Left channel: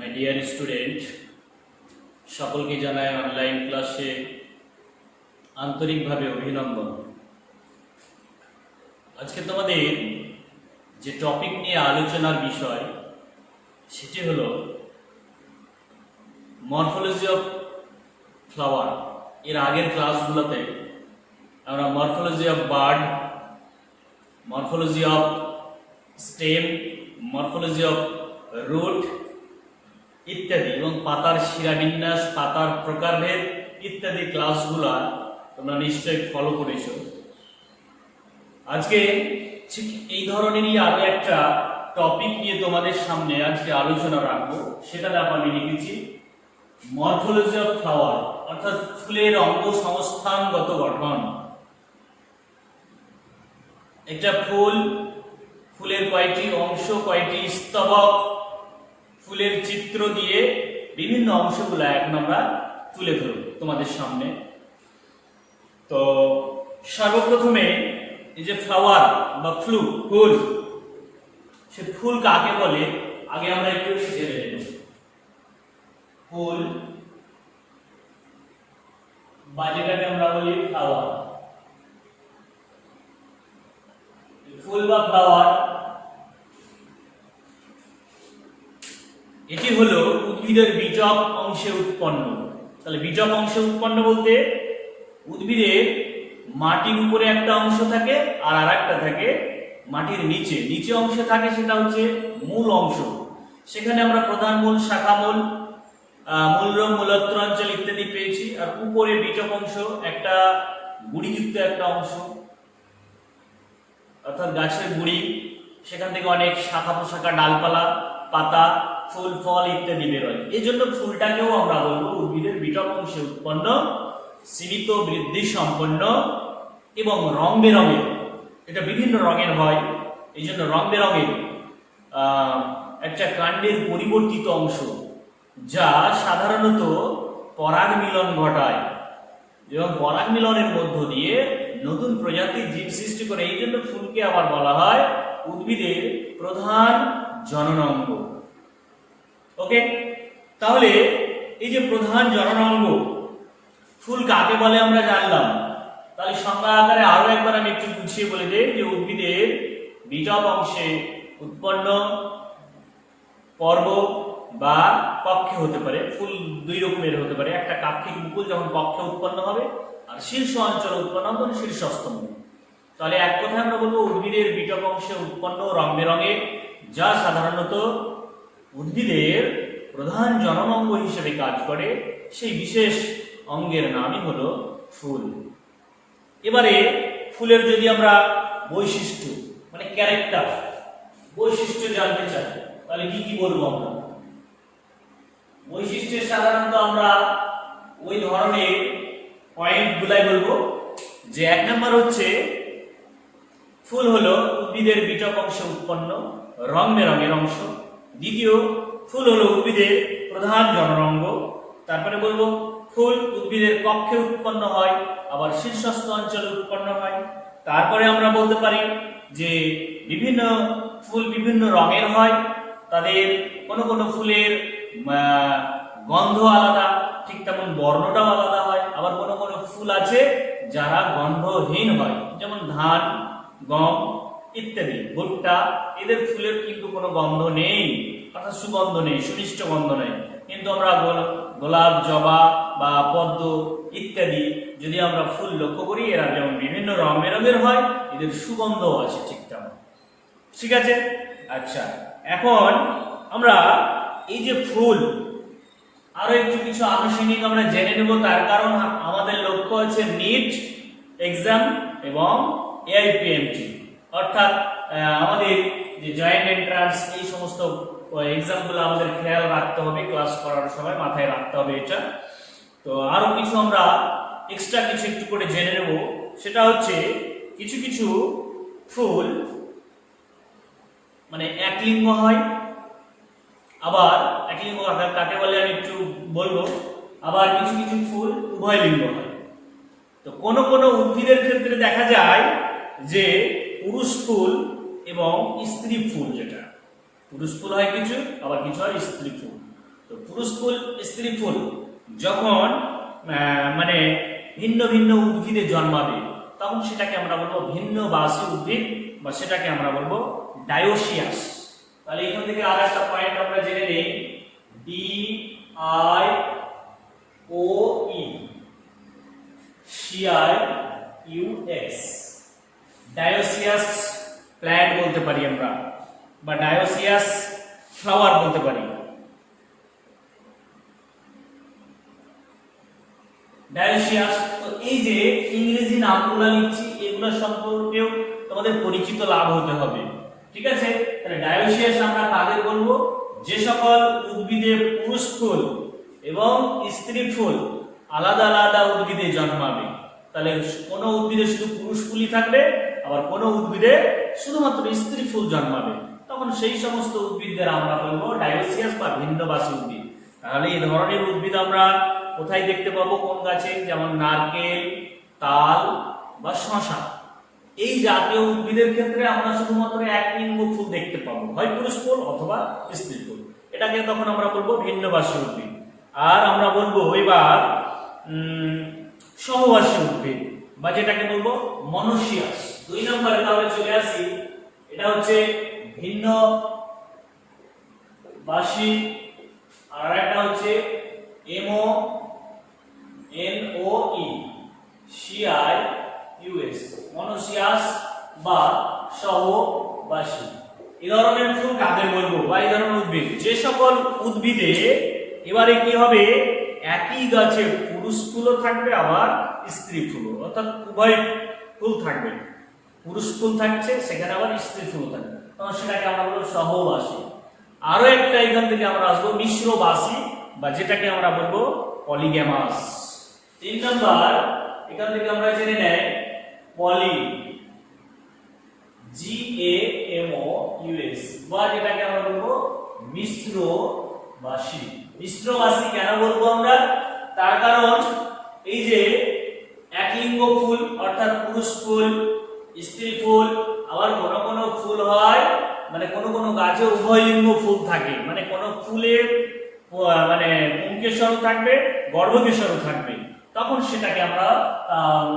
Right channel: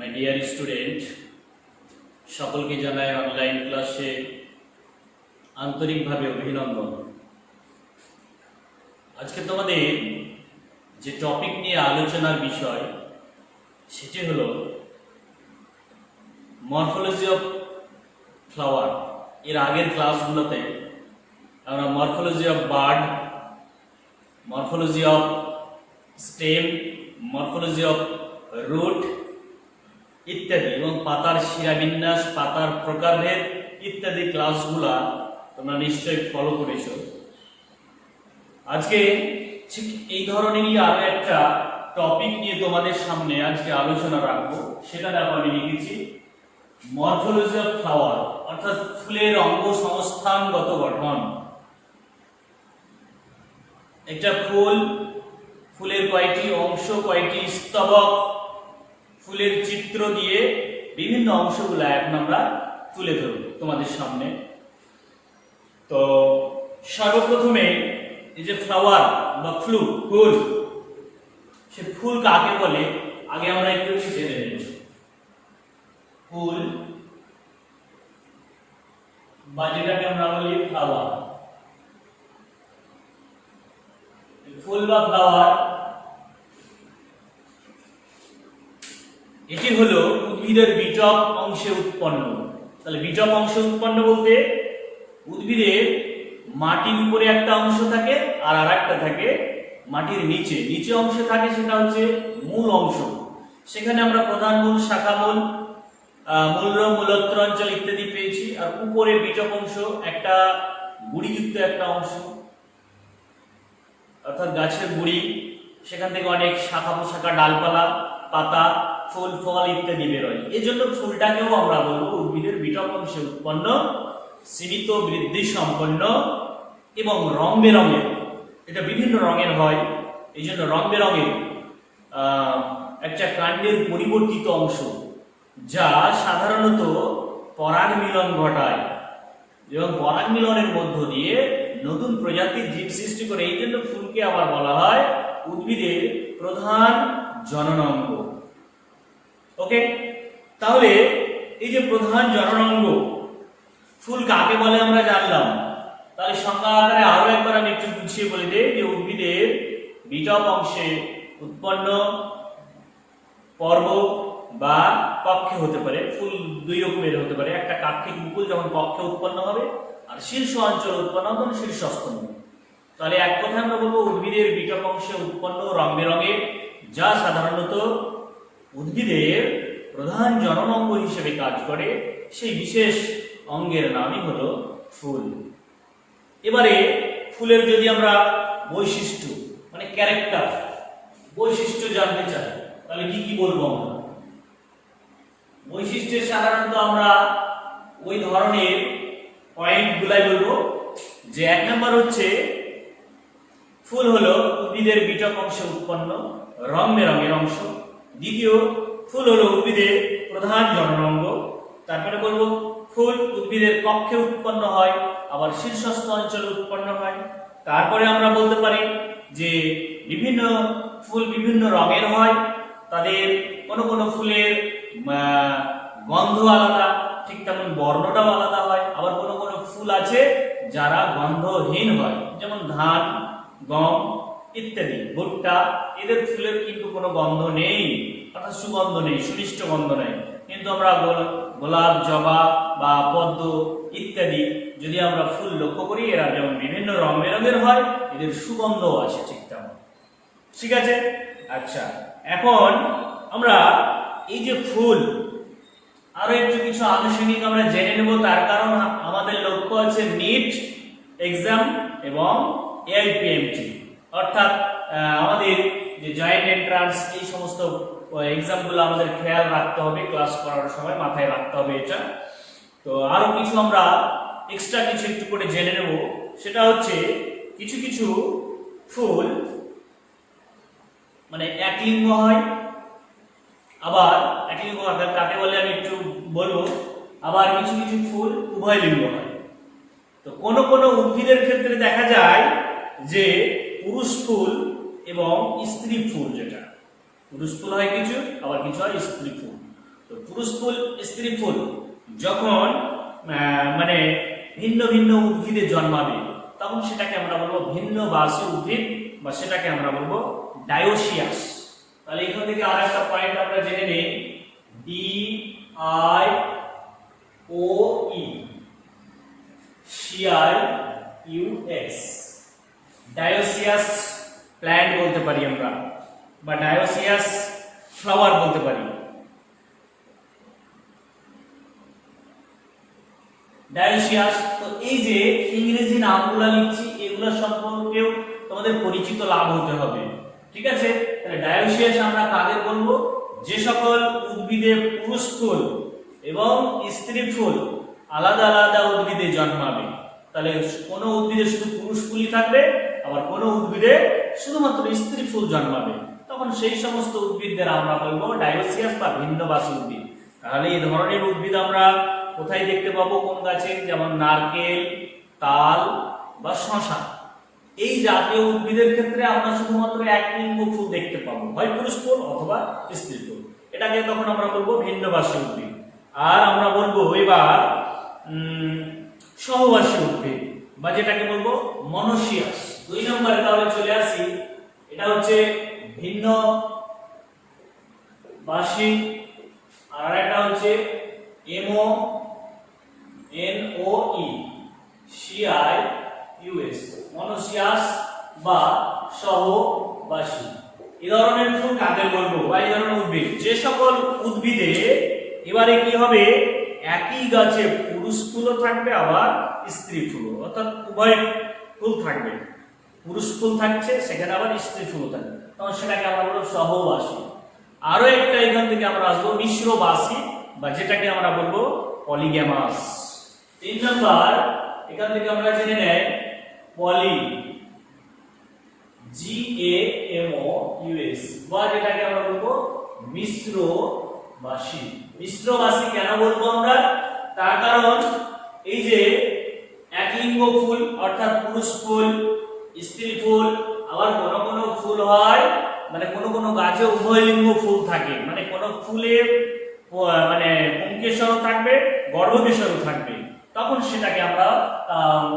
My dear student, সকলকে জানাই online ক্লাসে আন্তরিকভাবে অভিনন্দন। আজকে তোমাদের যে টপিক নিয়ে আলোচনার বিষয় সেটি হলো মরফোলজি অফ ফ্লাওয়ার। এর আগের ক্লাসগুলোতে আমরা morphology of bird, morphology of stem, morphology of root ইত্যাদি এবং পাতার শিরাবিন্যাস, পাতার প্রকারভেদ ইত্যাদি ক্লাসগুলা তোমরা নিশ্চয়ই ফলো করেছো। আজকে ঠিক এই ধরনেরই আরো একটা টপিক নিয়ে তোমাদের সামনে আজকে আলোচনা রাখবো। সেটা দেখো আমি লিখেছি মরফোলজি অফ ফ্লাওয়ার, অর্থাৎ ফুলের অঙ্গ সংস্থানগত গঠন। একটা ফুলের কয়টি অংশ, কয়টি স্তবক, ফুলের চিত্র দিয়ে বিভিন্ন অংশগুলো এখন আমরা তুলে ধরব তোমাদের সামনে। তো সর্বপ্রথমে এই যে ফ্লাওয়ার বা ফুল, সে ফুল কাকে বলে আগে আমরা একটু জেনে নেব। ফুল বা যেটাকে আমরা বলি ফ্লাওয়ার, ফুল বা ফ্লাওয়ার এটি হলো উদ্ভিদের বিটপ অংশে উৎপন্ন। তাহলে বিটপ অংশে উৎপন্ন বলতে উদ্ভিদের মাটির উপরে একটা অংশ থাকে আর আরেকটা থাকে মাটির নিচে অংশে থাকে, সেটা হচ্ছে মূল অংশ। সেখানে আমরা প্রধান মূল, শাখা মূল, মূলরম, মূলত্র অঞ্চল ইত্যাদি পেয়েছি। আর উপরে বিটপ অংশ একটা গুড়িযুক্ত একটা অংশ, অর্থাৎ গাছের গুড়ি, সেখান থেকে অনেক শাখা প্রশাখা, ডালপালা, পাতা, ফুল, ফল ইত্যাদি বেরোয়। এই জন্য ফুলটাকেও আমরা বলবো উদ্ভিদের বিটপ অংশে উৎপন্ন, সীমিত বৃদ্ধি সম্পন্ন এবং রং বেরঙের। এটা বিভিন্ন রঙের হয়, এই জন্য রং বেরঙের একটা কাণ্ডের পরিবর্তিত অংশ, যা সাধারণত পরাগ মিলন ঘটায় এবং পরাগ মিলনের মধ্য দিয়ে নতুন প্রজাতির জীব সৃষ্টি করে। এই জন্য ফুলকে আবার বলা হয় উদ্ভিদের প্রধান জননাঙ্গ। ওকে, তাহলে এই যে প্রধান জননাঙ্গ ফুল কাকে বলে আমরা জানলাম। তাহলে সংজ্ঞা আকারে আরো একবার আমি একটু গুছিয়ে বলে দিই যে উদ্ভিদের বিটপ অংশে উৎপন্ন পর্ব বা কক্ষে হতে পারে। ফুল দুই রকমের হতে পারে, একটা কাক্ষিক মুকুল যখন কক্ষে উৎপন্ন হবে, আর শীর্ষ অঞ্চল উৎপন্ন হবে তখন শীর্ষস্থ মুকুল। তাহলে এক কথায় আমরা বলবো উদ্ভিদের বিটপ অংশে উৎপন্ন রং বেরঙের, যা সাধারণত উদ্ভিদের প্রধান জননাঙ্গ হিসেবে কাজ করে, সেই বিশেষ অঙ্গের নামই হলো ফুল। এবারে ফুলের যদি আমরা বৈশিষ্ট্য মানে ক্যারেক্টার, বৈশিষ্ট্য জানতে চাই, তাহলে কি কি বলবো আমরা? বৈশিষ্ট্যে সাধারণত আমরা ওই ধরনের পয়েন্ট গুলাই বলবো যে এক নম্বর হচ্ছে ফুল হলো উদ্ভিদের বিটপ অংশে উৎপন্ন রং বেরঙের অংশ। দ্বিতীয়, ফুল হলো উদ্ভিদের প্রধান জননাঙ্গ। তারপরে বলবো ফুল উদ্ভিদের কক্ষে উৎপন্ন হয়, আবার শীর্ষস্থ অঞ্চলে উৎপন্ন হয়। তারপরে আমরা বলতে পারি যে বিভিন্ন ফুল বিভিন্ন রঙের হয়, তাদের কোনো কোনো ফুলের গন্ধ আলাদা, ঠিক তেমন বর্ণটাও আলাদা হয়। আবার কোনো কোনো ফুল আছে যারা গন্ধহীন হয়, যেমন ধান, গম ইত্যাদি, ভুট্টা, এদের ফুলের কিন্তু কোনো গন্ধ নেই, অর্থাৎ সুগন্ধ নেই, সুনিষ্ট গন্ধ নেই। কিন্তু আমরা গোলাপ, জবা বা পদ্ম ইত্যাদি যদি আমরা ফুল লক্ষ্য করি, এরা যেমন বিভিন্ন রং বেরঙের হয়, এদের সুগন্ধও আসে ঠিক তেমন। ঠিক আছে, আচ্ছা, এখন আমরা এই যে ফুল আরো একটু কিছু আনুষঙ্গিক আমরা জেনে নেব। তার কারণ আমাদের লক্ষ্য আছে নিট এক্সাম এবং এআইপিএমটি, অর্থাৎ আমাদের যে জয়েন্ট এন্ট্রান্স, এই সমস্ত এক্সামগুলো আমাদের খেয়াল রাখতে হবে, ক্লাস করার সময় মাথায় রাখতে হবে এটা। তো আরো কিছু আমরা এক্সট্রা কিছু একটু করে জেনে নেব। সেটা হচ্ছে কিছু কিছু ফুল মানে একলিঙ্গ হয়, আবার একলিঙ্গ কাকে বলে আমি একটু বলবো। আবার কিছু কিছু ফুল উভয় লিঙ্গ হয়। তো কোনো কোনো উদ্ভিদের ক্ষেত্রে দেখা যায় যে পুরুষ ফুল এবং স্ত্রী ফুল, যেটা পুরুষ ফুল হয় কিছু, আবার কিছু হয় স্ত্রী ফুল। তো পুরুষ ফুল স্ত্রী ফুল যখন মানে ভিন্ন ভিন্ন উদ্ভিদে জন্মাবে তখন সেটাকে আমরা বলবো ভিন্নবাসী উদ্ভিদ বা সেটাকে আমরা বলবো ডায়োসিয়াস। তাহলে এখান থেকে আর একটা পয়েন্ট আমরা জেনে নিই, DIOE CIUS ডায়োসিয়াস প্ল্যান্ট বলতে পারি আমরা বা ডায়োসিয়াস ফ্লাওয়ার বলতে পারি। ডায়োসিয়াস, তো এই যে ইংরেজি নামগুলো লিখছি এগুলো সম্পর্কেও তোমাদের পরিচিত লাভ হতে হবে, ঠিক আছে? তাহলে ডায়োসিয়াস আমরা কাদের বলবো? যে সকল উদ্ভিদে পুরুষ ফুল এবং স্ত্রী ফুল আলাদা আলাদা উদ্ভিদে জন্মাবে। তাহলে কোনো উদ্ভিদে শুধু পুরুষ ফুলই থাকবে, আবার কোনো উদ্ভিদে শুধুমাত্র স্ত্রী ফুল জন্মাবে, তখন সেই সমস্ত উদ্ভিদদের আমরা বলবো ডায়োসিয়াস বা ভিন্নবাসী উদ্ভিদ। তাহলে এই ধরনের উদ্ভিদ আমরা কোথায় দেখতে পাবো? কোন গাছে? যেমন নারকেল, তাল বা শশা, এই জাতীয় উদ্ভিদের ক্ষেত্রে আমরা শুধুমাত্র এক লিঙ্গ ফুল দেখতে পাবো, হয় পুরুষ ফুল অথবা স্ত্রী ফুল। এটাকে তখন আমরা বলবো ভিন্নবাসী উদ্ভিদ। আর আমরা বলবো এবার সহবাসী উদ্ভিদ বা যেটাকে বলবো মনোসিয়াস। 2 নম্বরে তাহলে চলে আসি, এটা হচ্ছে ভিন্নবাসী, আর একটা হচ্ছে MONOECIUS মনোসিয়াস বা সহবাসী। এই ধরনের ফুল কাদের বলবো বা এই ধরনের উদ্ভিদ? যে সকল উদ্ভিদে এবারে কি হবে, একই গাছে পুরুষ ফুলও থাকবে আবার স্ত্রী ফুলও, অর্থাৎ উভয় ফুল থাকবে, পুরুষ ফুল থাকছে সেখানে আবার স্ত্রী ফুল থাকবে, তখন সেটাকে আমরা বলবো সহবাসী। আরো একটা এখান থেকে আমরা আসবো মিশ্রবাসী বা যেটাকে আমরা বলবো পলিগ্যামাস। 3 নম্বর এখান থেকে আমরা জেনে নেই পলি GAMOUS বা যেটাকে আমরা বলবো মিশ্রবাসী। মিশ্রবাসী কেন বলবো আমরা? তার কারণ এই যে একলিঙ্গ ফুল অর্থাৎ পুরুষ ফুল স্ত্রী ফুল, আবার কোন কোন ফুল হয় মানে কোন কোন গাছে উভয় লিঙ্গ ফুল থাকে, মানে কোন ফুলে মানে পুংকেশরও থাকবে গর্ভকেশরও থাকবে, তখন সেটাকে আমরা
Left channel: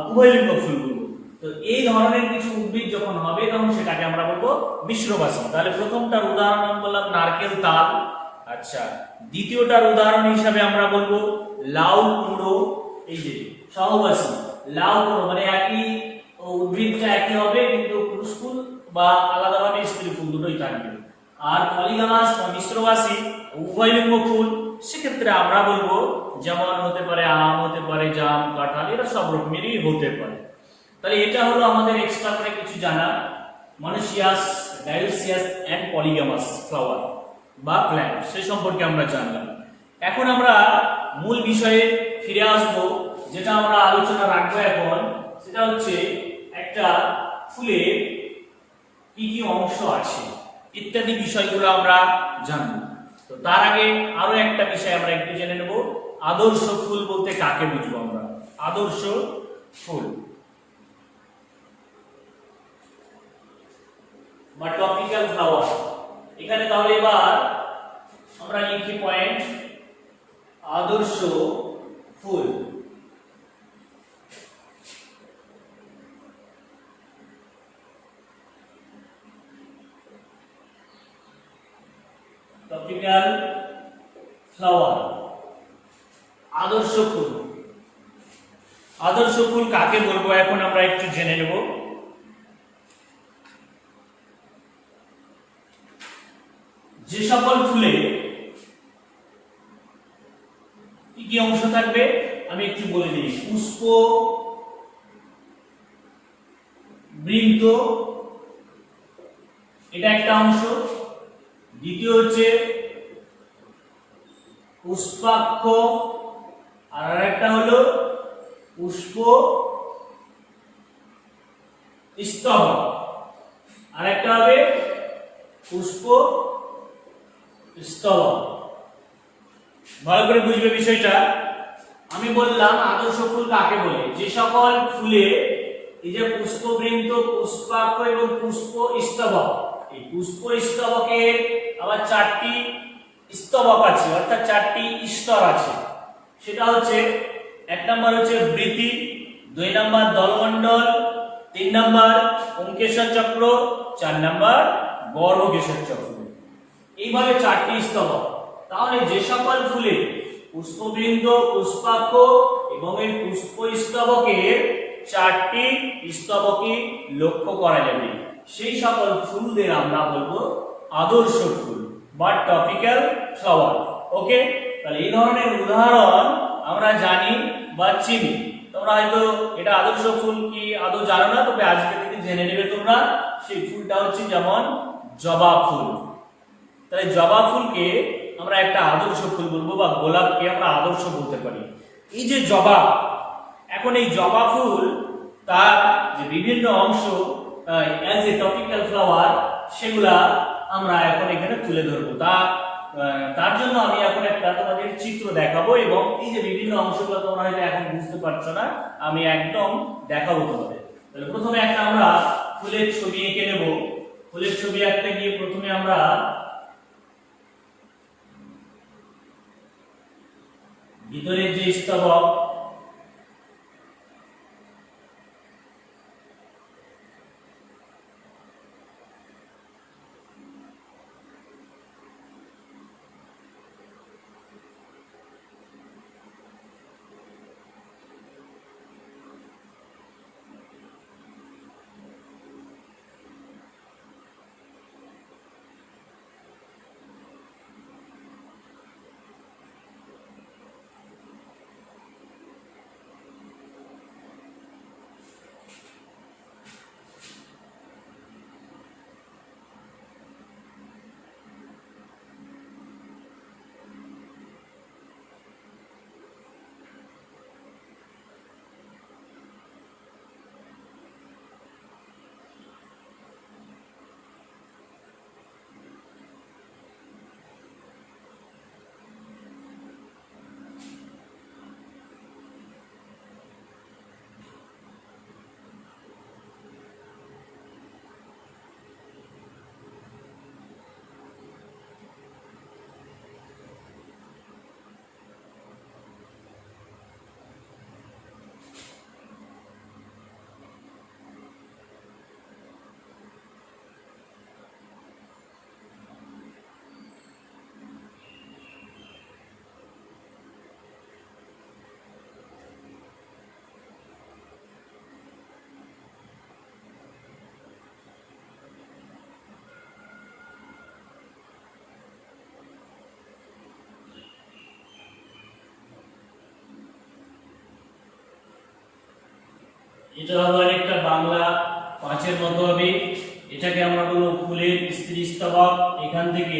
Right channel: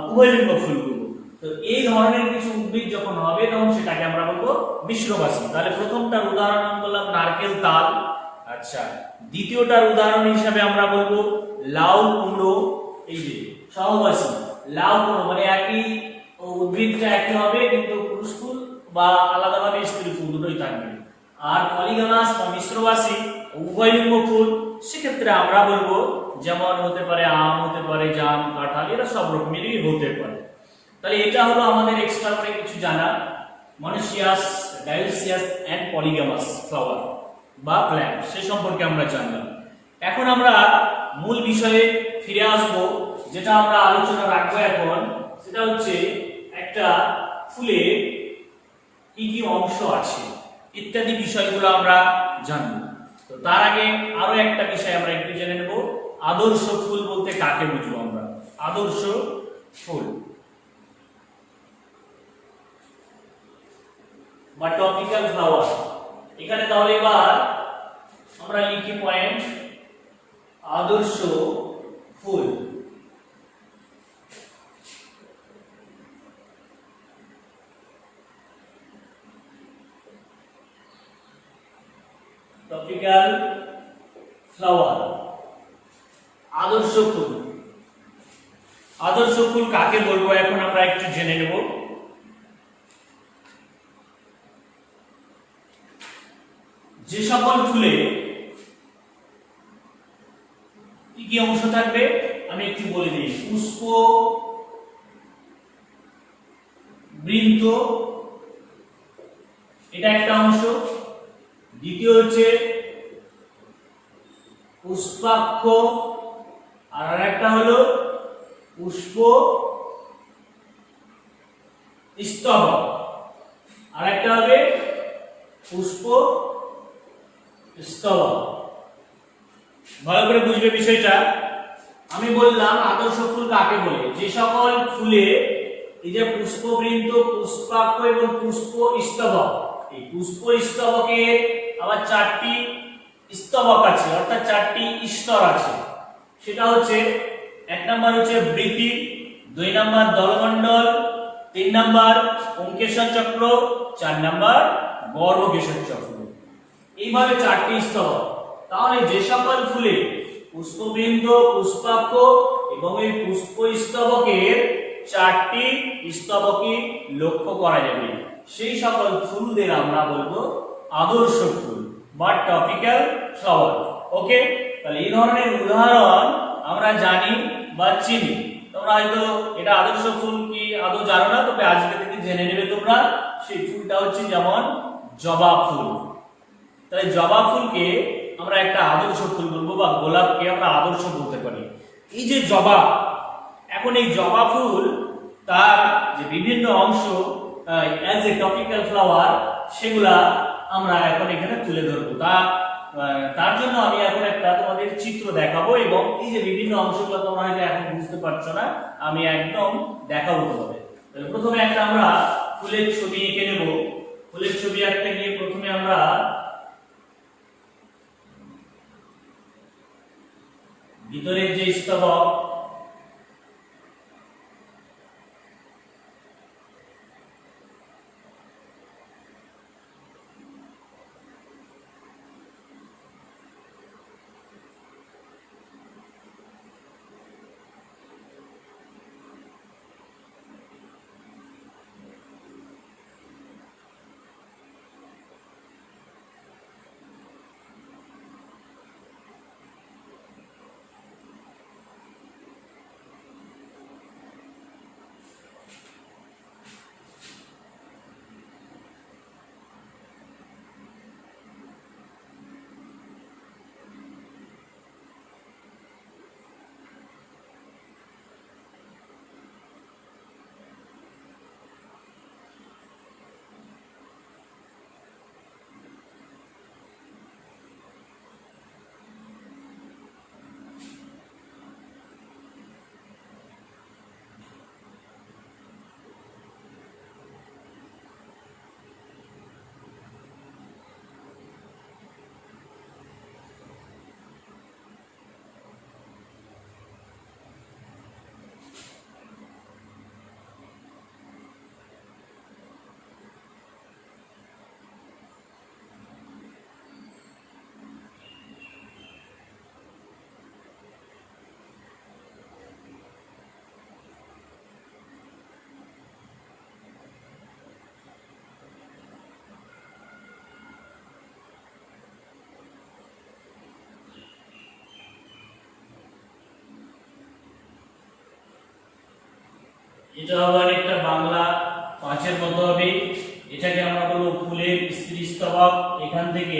উভয় লিঙ্গ ফুল বলবো। তো এই ধরনের কিছু উদ্ভিদ যখন হবে তখন সেটাকে আমরা বলবো মিশ্রবাসী। তাহলে প্রথমটার উদাহরণ বললাম নারকেল, তাল। আচ্ছা, দ্বিতীয়টার উদাহরণ হিসাবে আমরা বলবো লাউ, কুমড়ো। এই যে সহবাসী লাউ কুমড়ো মানে একই উদ্ভিদটা একই হবে কিন্তু পুরুষ ফুল বা আলাদাভাবে স্ত্রী ফুল দুটোই থাকবে। আর পলিগামাস বা মিশ্রবাসী উভয় লিঙ্গ ফুল, সেক্ষেত্রে আমরা বলবো যেমন হতে পারে আম, হতে পারে জাম, কাঁঠাল, এরা সব রকমেরই হতে পারে। তাহলে এটা হলো আমাদের এক্সট্রা করে কিছু জানা মনোসিয়াস, ডায়োসিয়াস এন্ড পলিগামাস ফ্লাওয়ার বা প্ল্যান্ট, সে সম্পর্কে আমরা জানলাম। এখন আমরা মূল বিষয়ে ফিরে আসবো, যেটা আমরা আলোচনা রাখবো এখন, সেটা হচ্ছে একটা ফুলের কি কি অংশ আছে ইত্যাদি বিষয়গুলো আমরা জানবো। তো তার আগে আরো একটা বিষয় আমরা একটু জেনে নেব, আদর্শ ফুল বলতে কাকে বুঝবো আমরা? আদর্শ ফুল বা টপিক্যাল ফ্লাওয়ার। এখানে তাহলে এবার আমরা লিখি পয়েন্ট আদর্শ ফুল। টপিক্যাল ফ্লাওয়ার আদর্শ ফুল। আদর্শ ফুল কাকে বলবো এখন আমরা একটু জেনে নেব। যে সকল ফুলে কি কি অংশ থাকবে আমি একটু বলে দিই। পুষ্প, বৃন্ত, এটা একটা অংশ। দ্বিতীয় হচ্ছে পুষ্পাক্ষ, আর একটা হলো পুষ্প স্তবক, আর একটা হবে পুষ্প স্তবক। ভালো করে বুঝবে বিষয়টা। আমি বললাম আদর্শ ফুল কাকে বলে? যে সকল ফুলে এই যে পুষ্পবৃন্ত, পুষ্পাক্ষ এবং পুষ্প স্তবক, এই পুষ্প স্তবকের আবার 4টি স্তবক আছে, অর্থাৎ 4টি স্তর আছে। সেটা হচ্ছে 1 নাম্বার হচ্ছে বৃতি, 2 নাম্বার দলমণ্ডল, 3 নাম্বার পুংকেশর চক্র, 4 নাম্বার গর্ভকেশর চক্র। এইভাবে 4টি স্তবক। তাহলে যে সকল ফুলে পুষ্পবৃন্দ, পুষ্পাক্ষ এবং এই পুষ্পস্তবকের 4টি স্তবকই লক্ষ্য করা যাবে, সেই সকল ফুলদের আমরা বলবো আদর্শ ফুল বা টপিক্যাল ফ্লাওয়ার। ওকে, তাহলে এই ধরনের উদাহরণ আমরা জানি বা চিনি। তোমরা হয়তো এটা আদর্শ ফুল কি আদৌ জানো না, তবে আজকে থেকে জেনে নেবে তোমরা। সেই ফুলটা হচ্ছে যেমন জবা ফুল। তাহলে জবা ফুলকে আমরা একটা আদর্শ ফুল বলবো, বা গোলাপকে আমরা আদর্শ বলতে পারি। এই যে জবা, এখন এই জবা ফুল তার যে বিভিন্ন অংশ অ্যাজ এ টপিক্যাল ফ্লাওয়ার, সেগুলা আমরা এখন এখানে তুলে ধরবো। তার জন্য আমি এখন একটা তোমাদের চিত্র দেখাবো, এবং এই যে বিভিন্ন অংশগুলো তোমরা হয়তো এখন বুঝতে পারছো না, আমি একদম দেখাবো তোমাদের। তাহলে প্রথমে একটা আমরা ফুলের ছবি এঁকে নেব। ফুলের ছবি আঁকতে গিয়ে প্রথমে আমরা ভিতরের যে স্তবক, এটা হবে অনেকটা বাংলা 5-এর মতো হবে। এটাকে আমরা বলবো ফুলের স্ত্রীস্তবক। এখান থেকে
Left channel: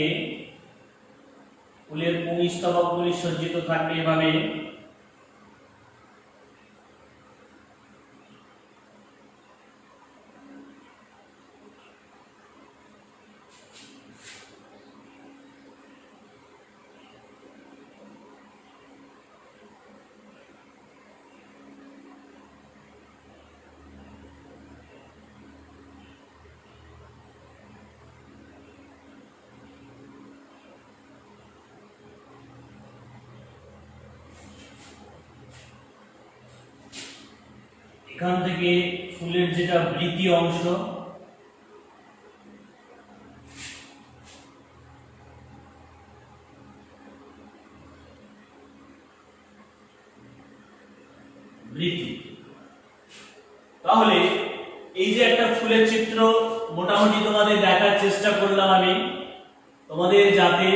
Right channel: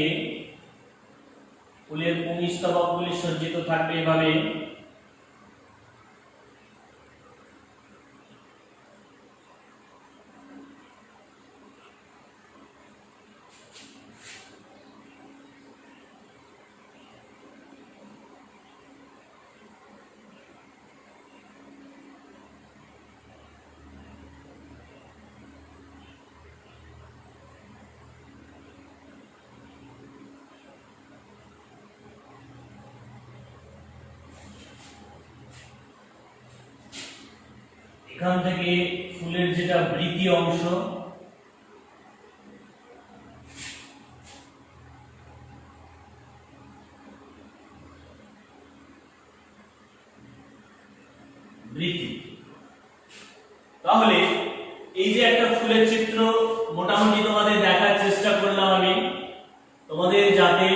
ফুলের পুংস্তবকগুলি সজ্জিত থাকবে এভাবে। এখান থেকে ফুলের যেটা বৃতি অংশ, বৃতি। তাহলে এই যে একটা ফুলের চিত্র মোটামুটি তোমাদের দেখার চেষ্টা করলাম আমি, তোমাদের যাতে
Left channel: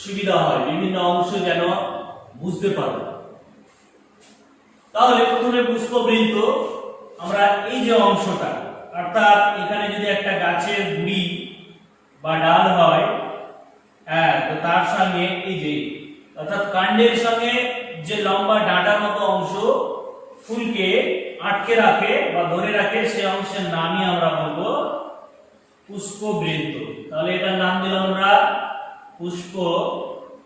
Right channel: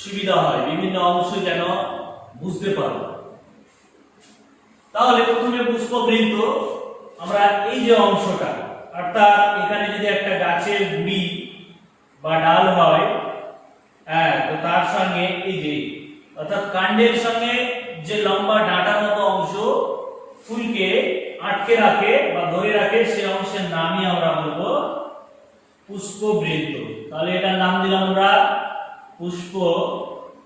সুবিধা হয়, বিভিন্ন অংশ যেন বুঝতে পারো। তাহলে প্রথমে পুষ্পবৃন্ত, আমরা এই যে অংশটা, অর্থাৎ এখানে যদি একটা গাছের গুড়ি বা ডাল হয়, হ্যাঁ, তো তার সঙ্গে এই যে অর্থাৎ কাণ্ডের সঙ্গে যে লম্বা ডাঁটার মতো অংশ ফুলকে আটকে রাখে বা ধরে রাখে, সেই অংশের নামই আমরা বলবো পুষ্পবৃন্ত। তাহলে এটার নাম দিলাম আমরা পুষ্পবৃন্ত।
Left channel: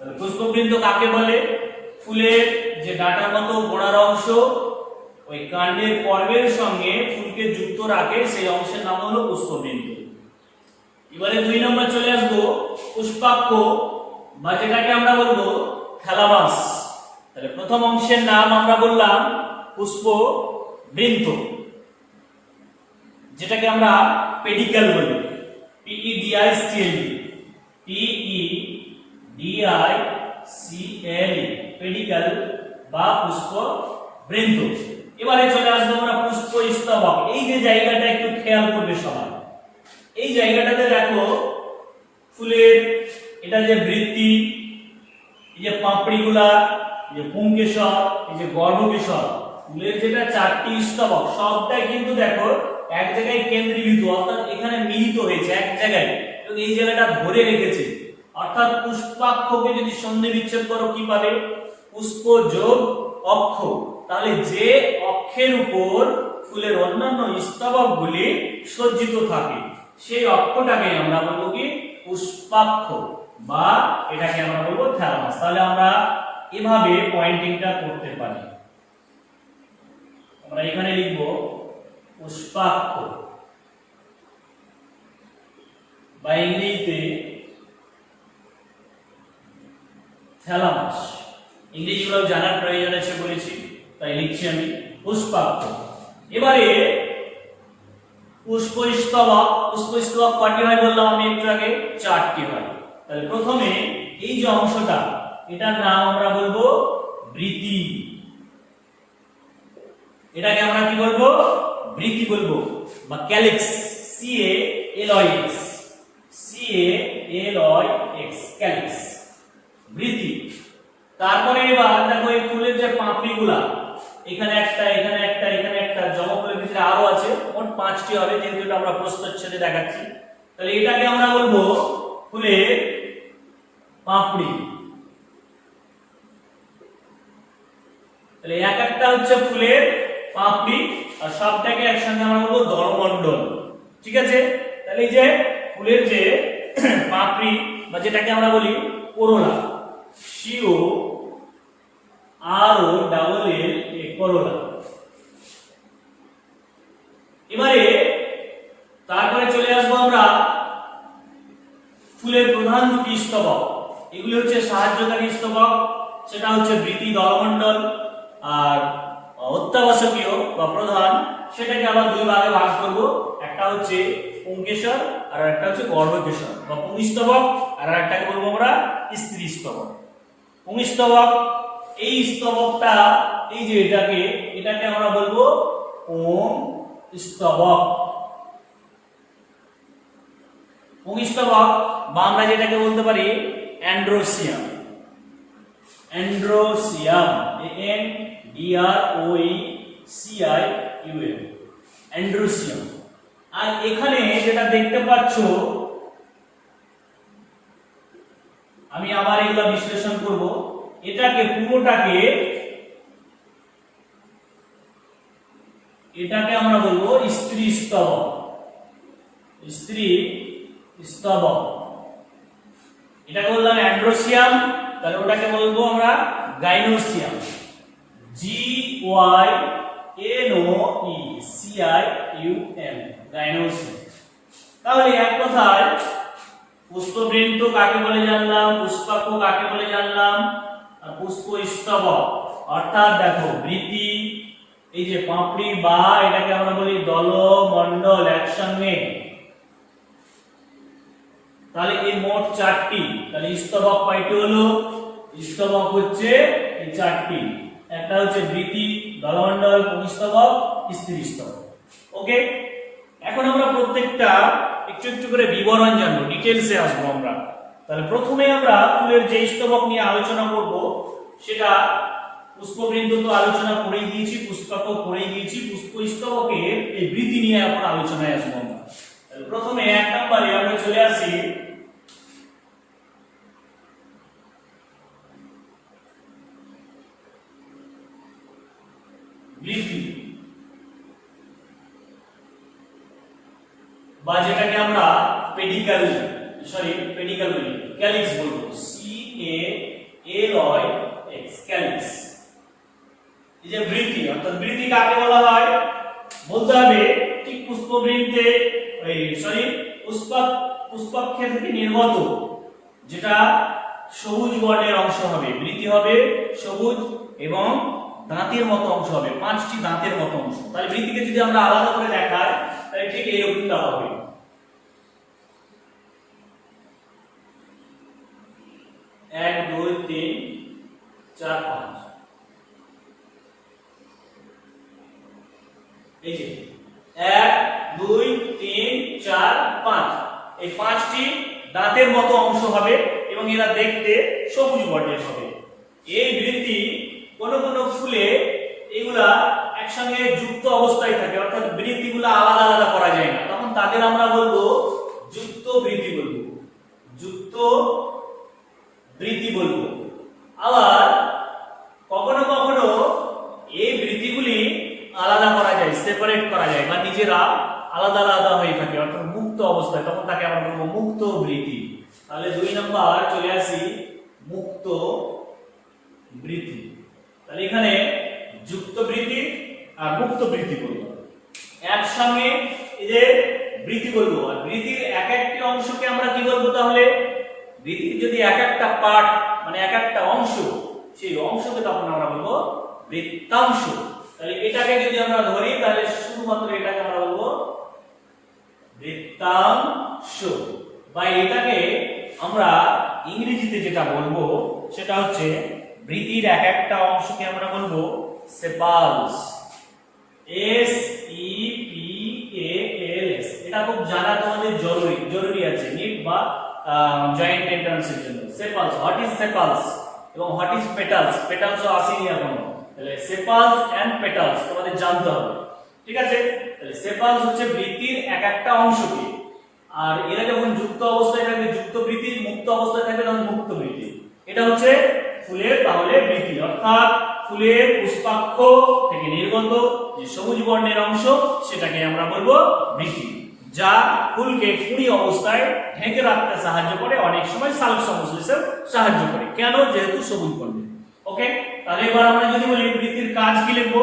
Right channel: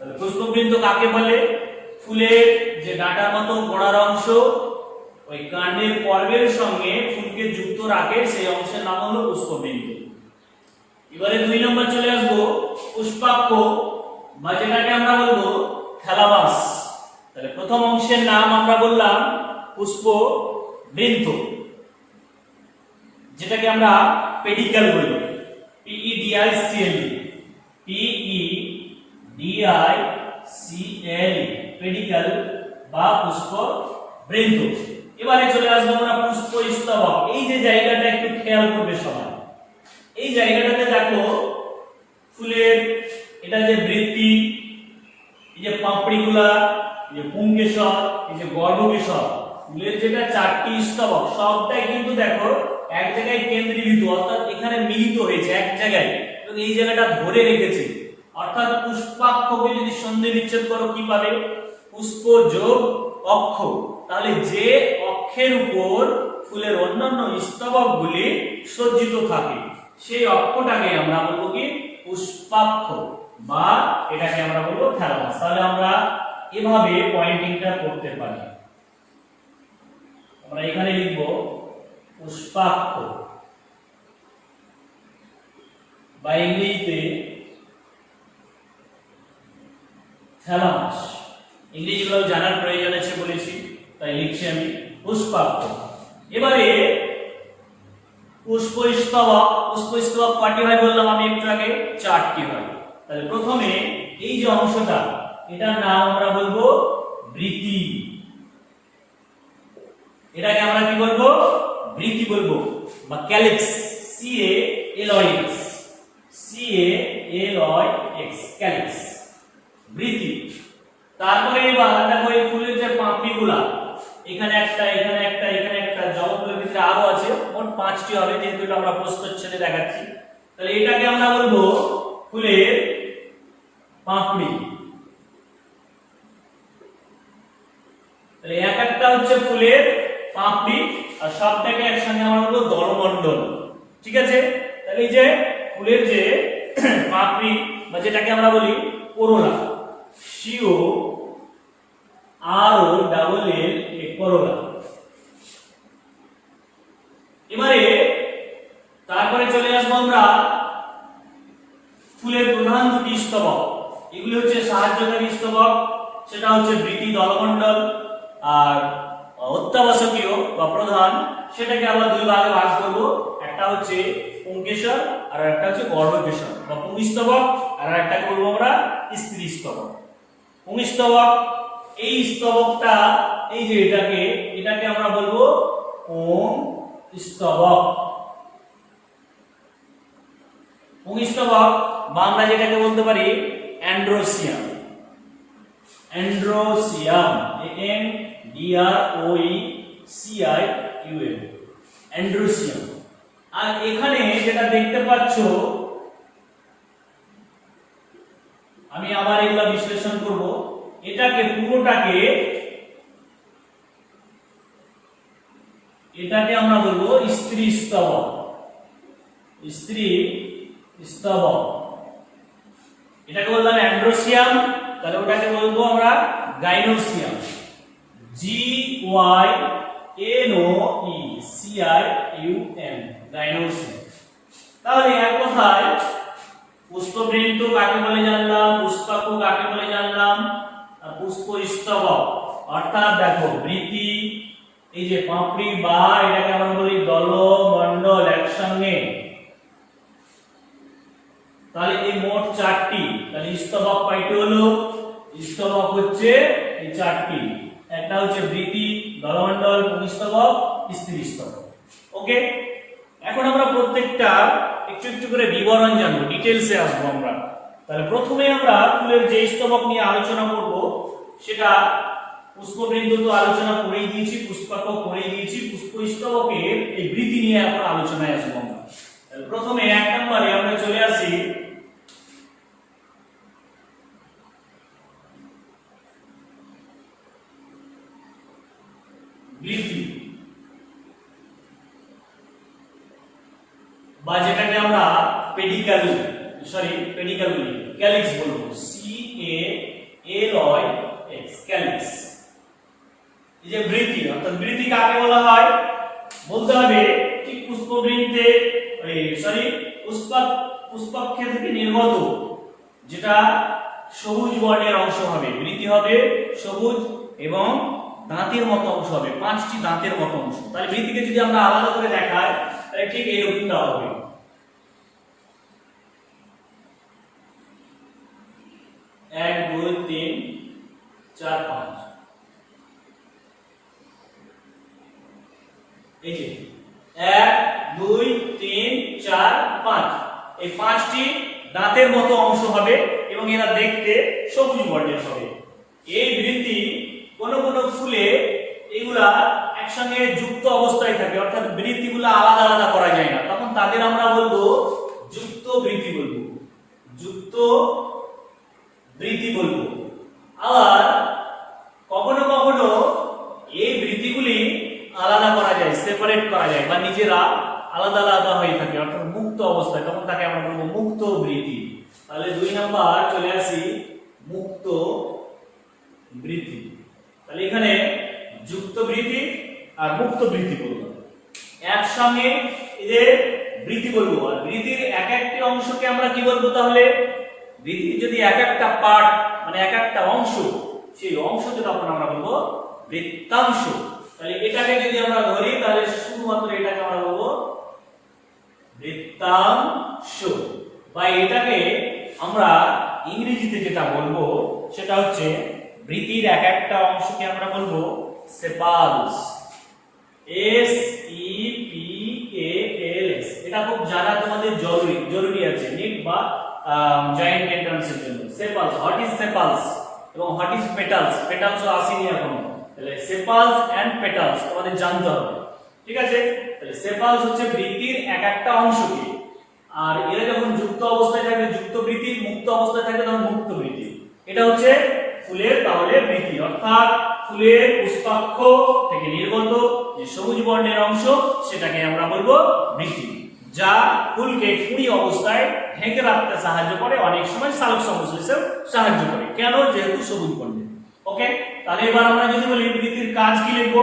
পুষ্পবৃন্ত কাকে বলে? ফুলের যে ডাঁটার মতো গোড়ার অংশ ওই কাণ্ডের পর্বের সঙ্গে ফুলকে যুক্ত রাখে, সেই অংশের নাম হলো পুষ্পবৃন্ত। এবারে 2 নম্বর চলে আসবো পুষ্পাক্ষ বা যেটাকে আমরা বলবো থ্যালামাস। তাহলে প্রথম অংশের নাম আমরা বললাম পুষ্পবৃন্ত, যেটাকে আমরা পেডিকেল বলি, PEDICLE, PEDICLE, পেডিকেল বা পুষ্পবৃন্ত। এবারে চলে আসবো আমরা পুষ্পস্তবক। এই যে জায়গাটা একটু খেয়াল করবে সবাই, এই জায়গাটাতে দেখো ফুলের এটা যে বৃত্তি, এই যে পাপড়িগুলা, এই যে পুংকেশর, এই যে গর্ভকেশর, ফুলের যেটা 4টি স্তবক সবটাই কিন্তু দেখো এক জায়গায় কেন্দ্রীভূত, অর্থাৎ এখানে মিলিত হয়েছে এক জায়গায় এবং এই জায়গাটা ধরে রেখেছে। অর্থাৎ পুষ্পাক্ষকে যদি সন্ধি বিচ্ছেদ করো কি পাবে? পুষ্প যোগ অক্ষ। তাহলে যে অক্ষের উপর ফুলের অন্যান্য স্তবকগুলি সজ্জিত থাকে সেই অক্ষটাকে আমরা বলবো কি? পুষ্পাক্ষ, বা এটাকে আমরা বলবো থ্যালামাস। তাহলে আমরা এভাবে পয়েন্টিংটা করতে পারি। আমরা এখানে লিখব পুষ্পাক্ষ বা ইংরেজিতে থ্যালামাস। ইংরেজিগুলো জানার প্রয়োজন আছে বলেছি, তাই লিখছি আমি পুষ্পাক্ষ। এবারে পুষ্পস্তবক। পুষ্পস্তবক কয়টি হয় বললাম আমি একটু আগে? 4টি হয়। তাহলে প্রথমে এই যে অংশটা, এটার নাম আমরা বলবো বৃতি। এটাকে আমরা কি বলবো? বৃতি বলবো, বা ক্যালিক্স, CALOX, CALOX, ক্যালিক্স, বৃতি। তারপরে এবার দেখো এই ফুলের যে পাপড়িগুলা, এখানে একটা, এখানে একটা, এখানে একটা, জলফুলের ভিতরে আরো আছে, মোট 5টি হবে, যেহেতু এটা আমরা প্রস্থচ্ছেদে দেখাচ্ছি। তাহলে এটাকে আমরা বলবো ফুলের পাপড়ি। তাহলে এক একটা হচ্ছে ফুলের পাপড়ি, আর সবটাকে একসঙ্গে আমরা বলবো দলমণ্ডল। ঠিক আছে? তাহলে এই যে ফুলের যে পাপড়ি বা যেটাকে আমরা বলি করোলা, COROLLA, করোলা। এবারে তারপরে চলে আসবো আমরা ফুলের প্রধান 2টি স্তবক। এগুলি হচ্ছে সাহায্যকারী স্তবক, সেটা হচ্ছে বৃতি, দলমণ্ডল, আর অত্যাবশ্যকীয় বা প্রধান, সেটাকে আমরা 2 ভাগে ভাগ করব। একটা হচ্ছে পুংকেশর আর একটা হচ্ছে গর্ভকেশর বা পুংস্তবক, আর একটাকে বলবো আমরা স্ত্রী স্তবক। পুংস্তবক, এই স্তবকটা, এই যে এটাকে আমরা বলবো পুংস্তবক। পুংস্তবক বা আমরা যেটাকে বলতে পারি অ্যান্ড্রোসিয়াম, অ্যান্ড্রোসিয়াম, ANDROECIUM, অ্যান্ড্রোসিয়াম। আর এখানে যেটা দেখতে পাচ্ছ, আমি আবার এগুলো বিশ্লেষণ করব। এটাকে পুরোটাকে, এটাকে আমরা বলবো স্ত্রী স্তবক, স্ত্রী স্তবক। এটাকে বললাম অ্যান্ড্রোসিয়াম, তাহলে ওটাকে বলবো আমরা গাইনোসিয়াম, GYNOECIUM, গাইনোসিয়াম। তাহলে এক কথায় পুষ্পবৃন্ত কাকে বলে জানলাম, পুষ্পাক্ষ কাকে বলে জানলাম, আর পুষ্পস্তবক অর্থাৎ দেখো বৃতি, এই যে পাপড়ি বা এটাকে আমরা বলি দলমণ্ডল একসঙ্গে। তাহলে এই মোট 4টি। তাহলে স্তবক কয়টি হলো? স্তবক হচ্ছে এই 4টি, একটা হচ্ছে বৃতি, দলমণ্ডল, পুংস্তবক, স্ত্রী স্তবক। ওকে, এখন আমরা প্রত্যেকটা একটু একটু করে বিবরণ জানবো, ডিটেইলসে আসবো আমরা। তাহলে প্রথমে আমরা ফুলের যে স্তবক নিয়ে আলোচনা করব, সেটা পুষ্পবৃন্ত তো আলোচনা করেই দিয়েছি, পুষ্পাক্ষ করেই দিয়েছি, পুষ্পস্তবকের এই বৃতি নিয়ে এখন আলোচনায় আসবো আমরা। তাহলে প্রথমে 1 নম্বরে আমরা চলে আসি বৃতি, বা যেটাকে আমরা পেডিকেল বলি, ক্যালিক্স বলবো, CALOX, ক্যালিক্স। এই যে বৃতি, অর্থাৎ বৃতি কাকে বলা হয় বলতে হবে ঠিক পুষ্পবৃন্তে, পুষ্পাক্ষ পুষ্পাক্ষে থেকে নির্গত যেটা সবুজ বর্ণের অংশ হবে, বৃতি হবে সবুজ এবং দাঁতের মতো অংশ হবে, 5টি দাঁতের মতো অংশ। তাহলে বৃতিকে যদি আমরা আলাদা করে দেখাই তাহলে ঠিক এইরকমটা হবে। এক, দুই, তিন, চার, পাঁচ। এই যে 1, 2, 3, 4, 5, এই 5টি দাঁতের মতো অংশ হবে এবং এরা দেখতে সবুজ বর্ণের হবে। এই বৃতি কোন কোন ফুলে এগুলা একসঙ্গে যুক্ত অবস্থায় থাকে, অর্থাৎ বৃতিগুলো আলাদা আলাদা করা যায় না, তখন তাদের আমরা বলবো যুক্ত বৃতি বলবো, যুক্ত বৃতি বলবো। আবার কখনো কখনো এই বৃতিগুলি আলাদা করা যায়, সেপারেট করা যায় বা নিজেরা আলাদা আলাদা হয়ে থাকে, অর্থাৎ মুক্ত অবস্থায়, তখন তাকে আমরা বলবো মুক্ত বৃতি। তাহলে 2 নাম্বার চলে আসি মুক্ত বৃতি। তাহলে এখানে যুক্ত বৃতি আর মুক্ত বৃতি বলবো, একসঙ্গে এদের বৃতি বলবো। আর বৃতির এক একটি অংশকে আমরা কি বলবো? তাহলে বৃতির যদি এক একটা পার্ট মানে এক একটা অংশ, সেই অংশকে তখন আমরা বলবো বৃত্তাংশ। তাহলে এটাকে যদি আমরা ধরি তাহলে শুধুমাত্র এটাকে আমরা বলবো বৃত্তাংশ, বা এটাকে আমরা ইংরেজিতে যেটা বলবো সেটা হচ্ছে বৃতির এক একটা অংশকে আমরা বলবো সেপালস, SEPALS। এটা খুব জানা তোমাদের জরুরি আছে নিট বা জয়েন্ট এন্ট্রান্সের জন্য। সেপালস, হোয়াট ইজ সেপালস এবং হোয়াট ইজ পেটালস, পেটালসও আসেনি এখনো, তাহলে সেপালস এন্ড পেটালস তোমাদের জানতে হবে, ঠিক আছে? তাহলে সেপালস হচ্ছে বৃতির এক একটা অংশকে, আর এরা যখন যুক্ত অবস্থায় থাকবে যুক্ত বৃতি, মুক্ত অবস্থায় থাকবে তখন মুক্ত বৃতি। এটা হচ্ছে ফুলের তাহলে বৃতি, অর্থাৎ ফুলের পুষ্পাক্ষ থেকে নির্গত যে সবুজ বর্ণের অংশ সেটাকে আমরা বলবো বৃতি, যা ফুলকে কুঁড়ি অবস্থায় ঢেকে রাখতে সাহায্য করে, অনেক সময় সালোক সংশ্লেষে সাহায্য করে। কেন? যেহেতু সবুজ বর্ণের। ওকে, তাহলে এবার আমরা যদি বলি বৃতির কাজ কি লিখবো?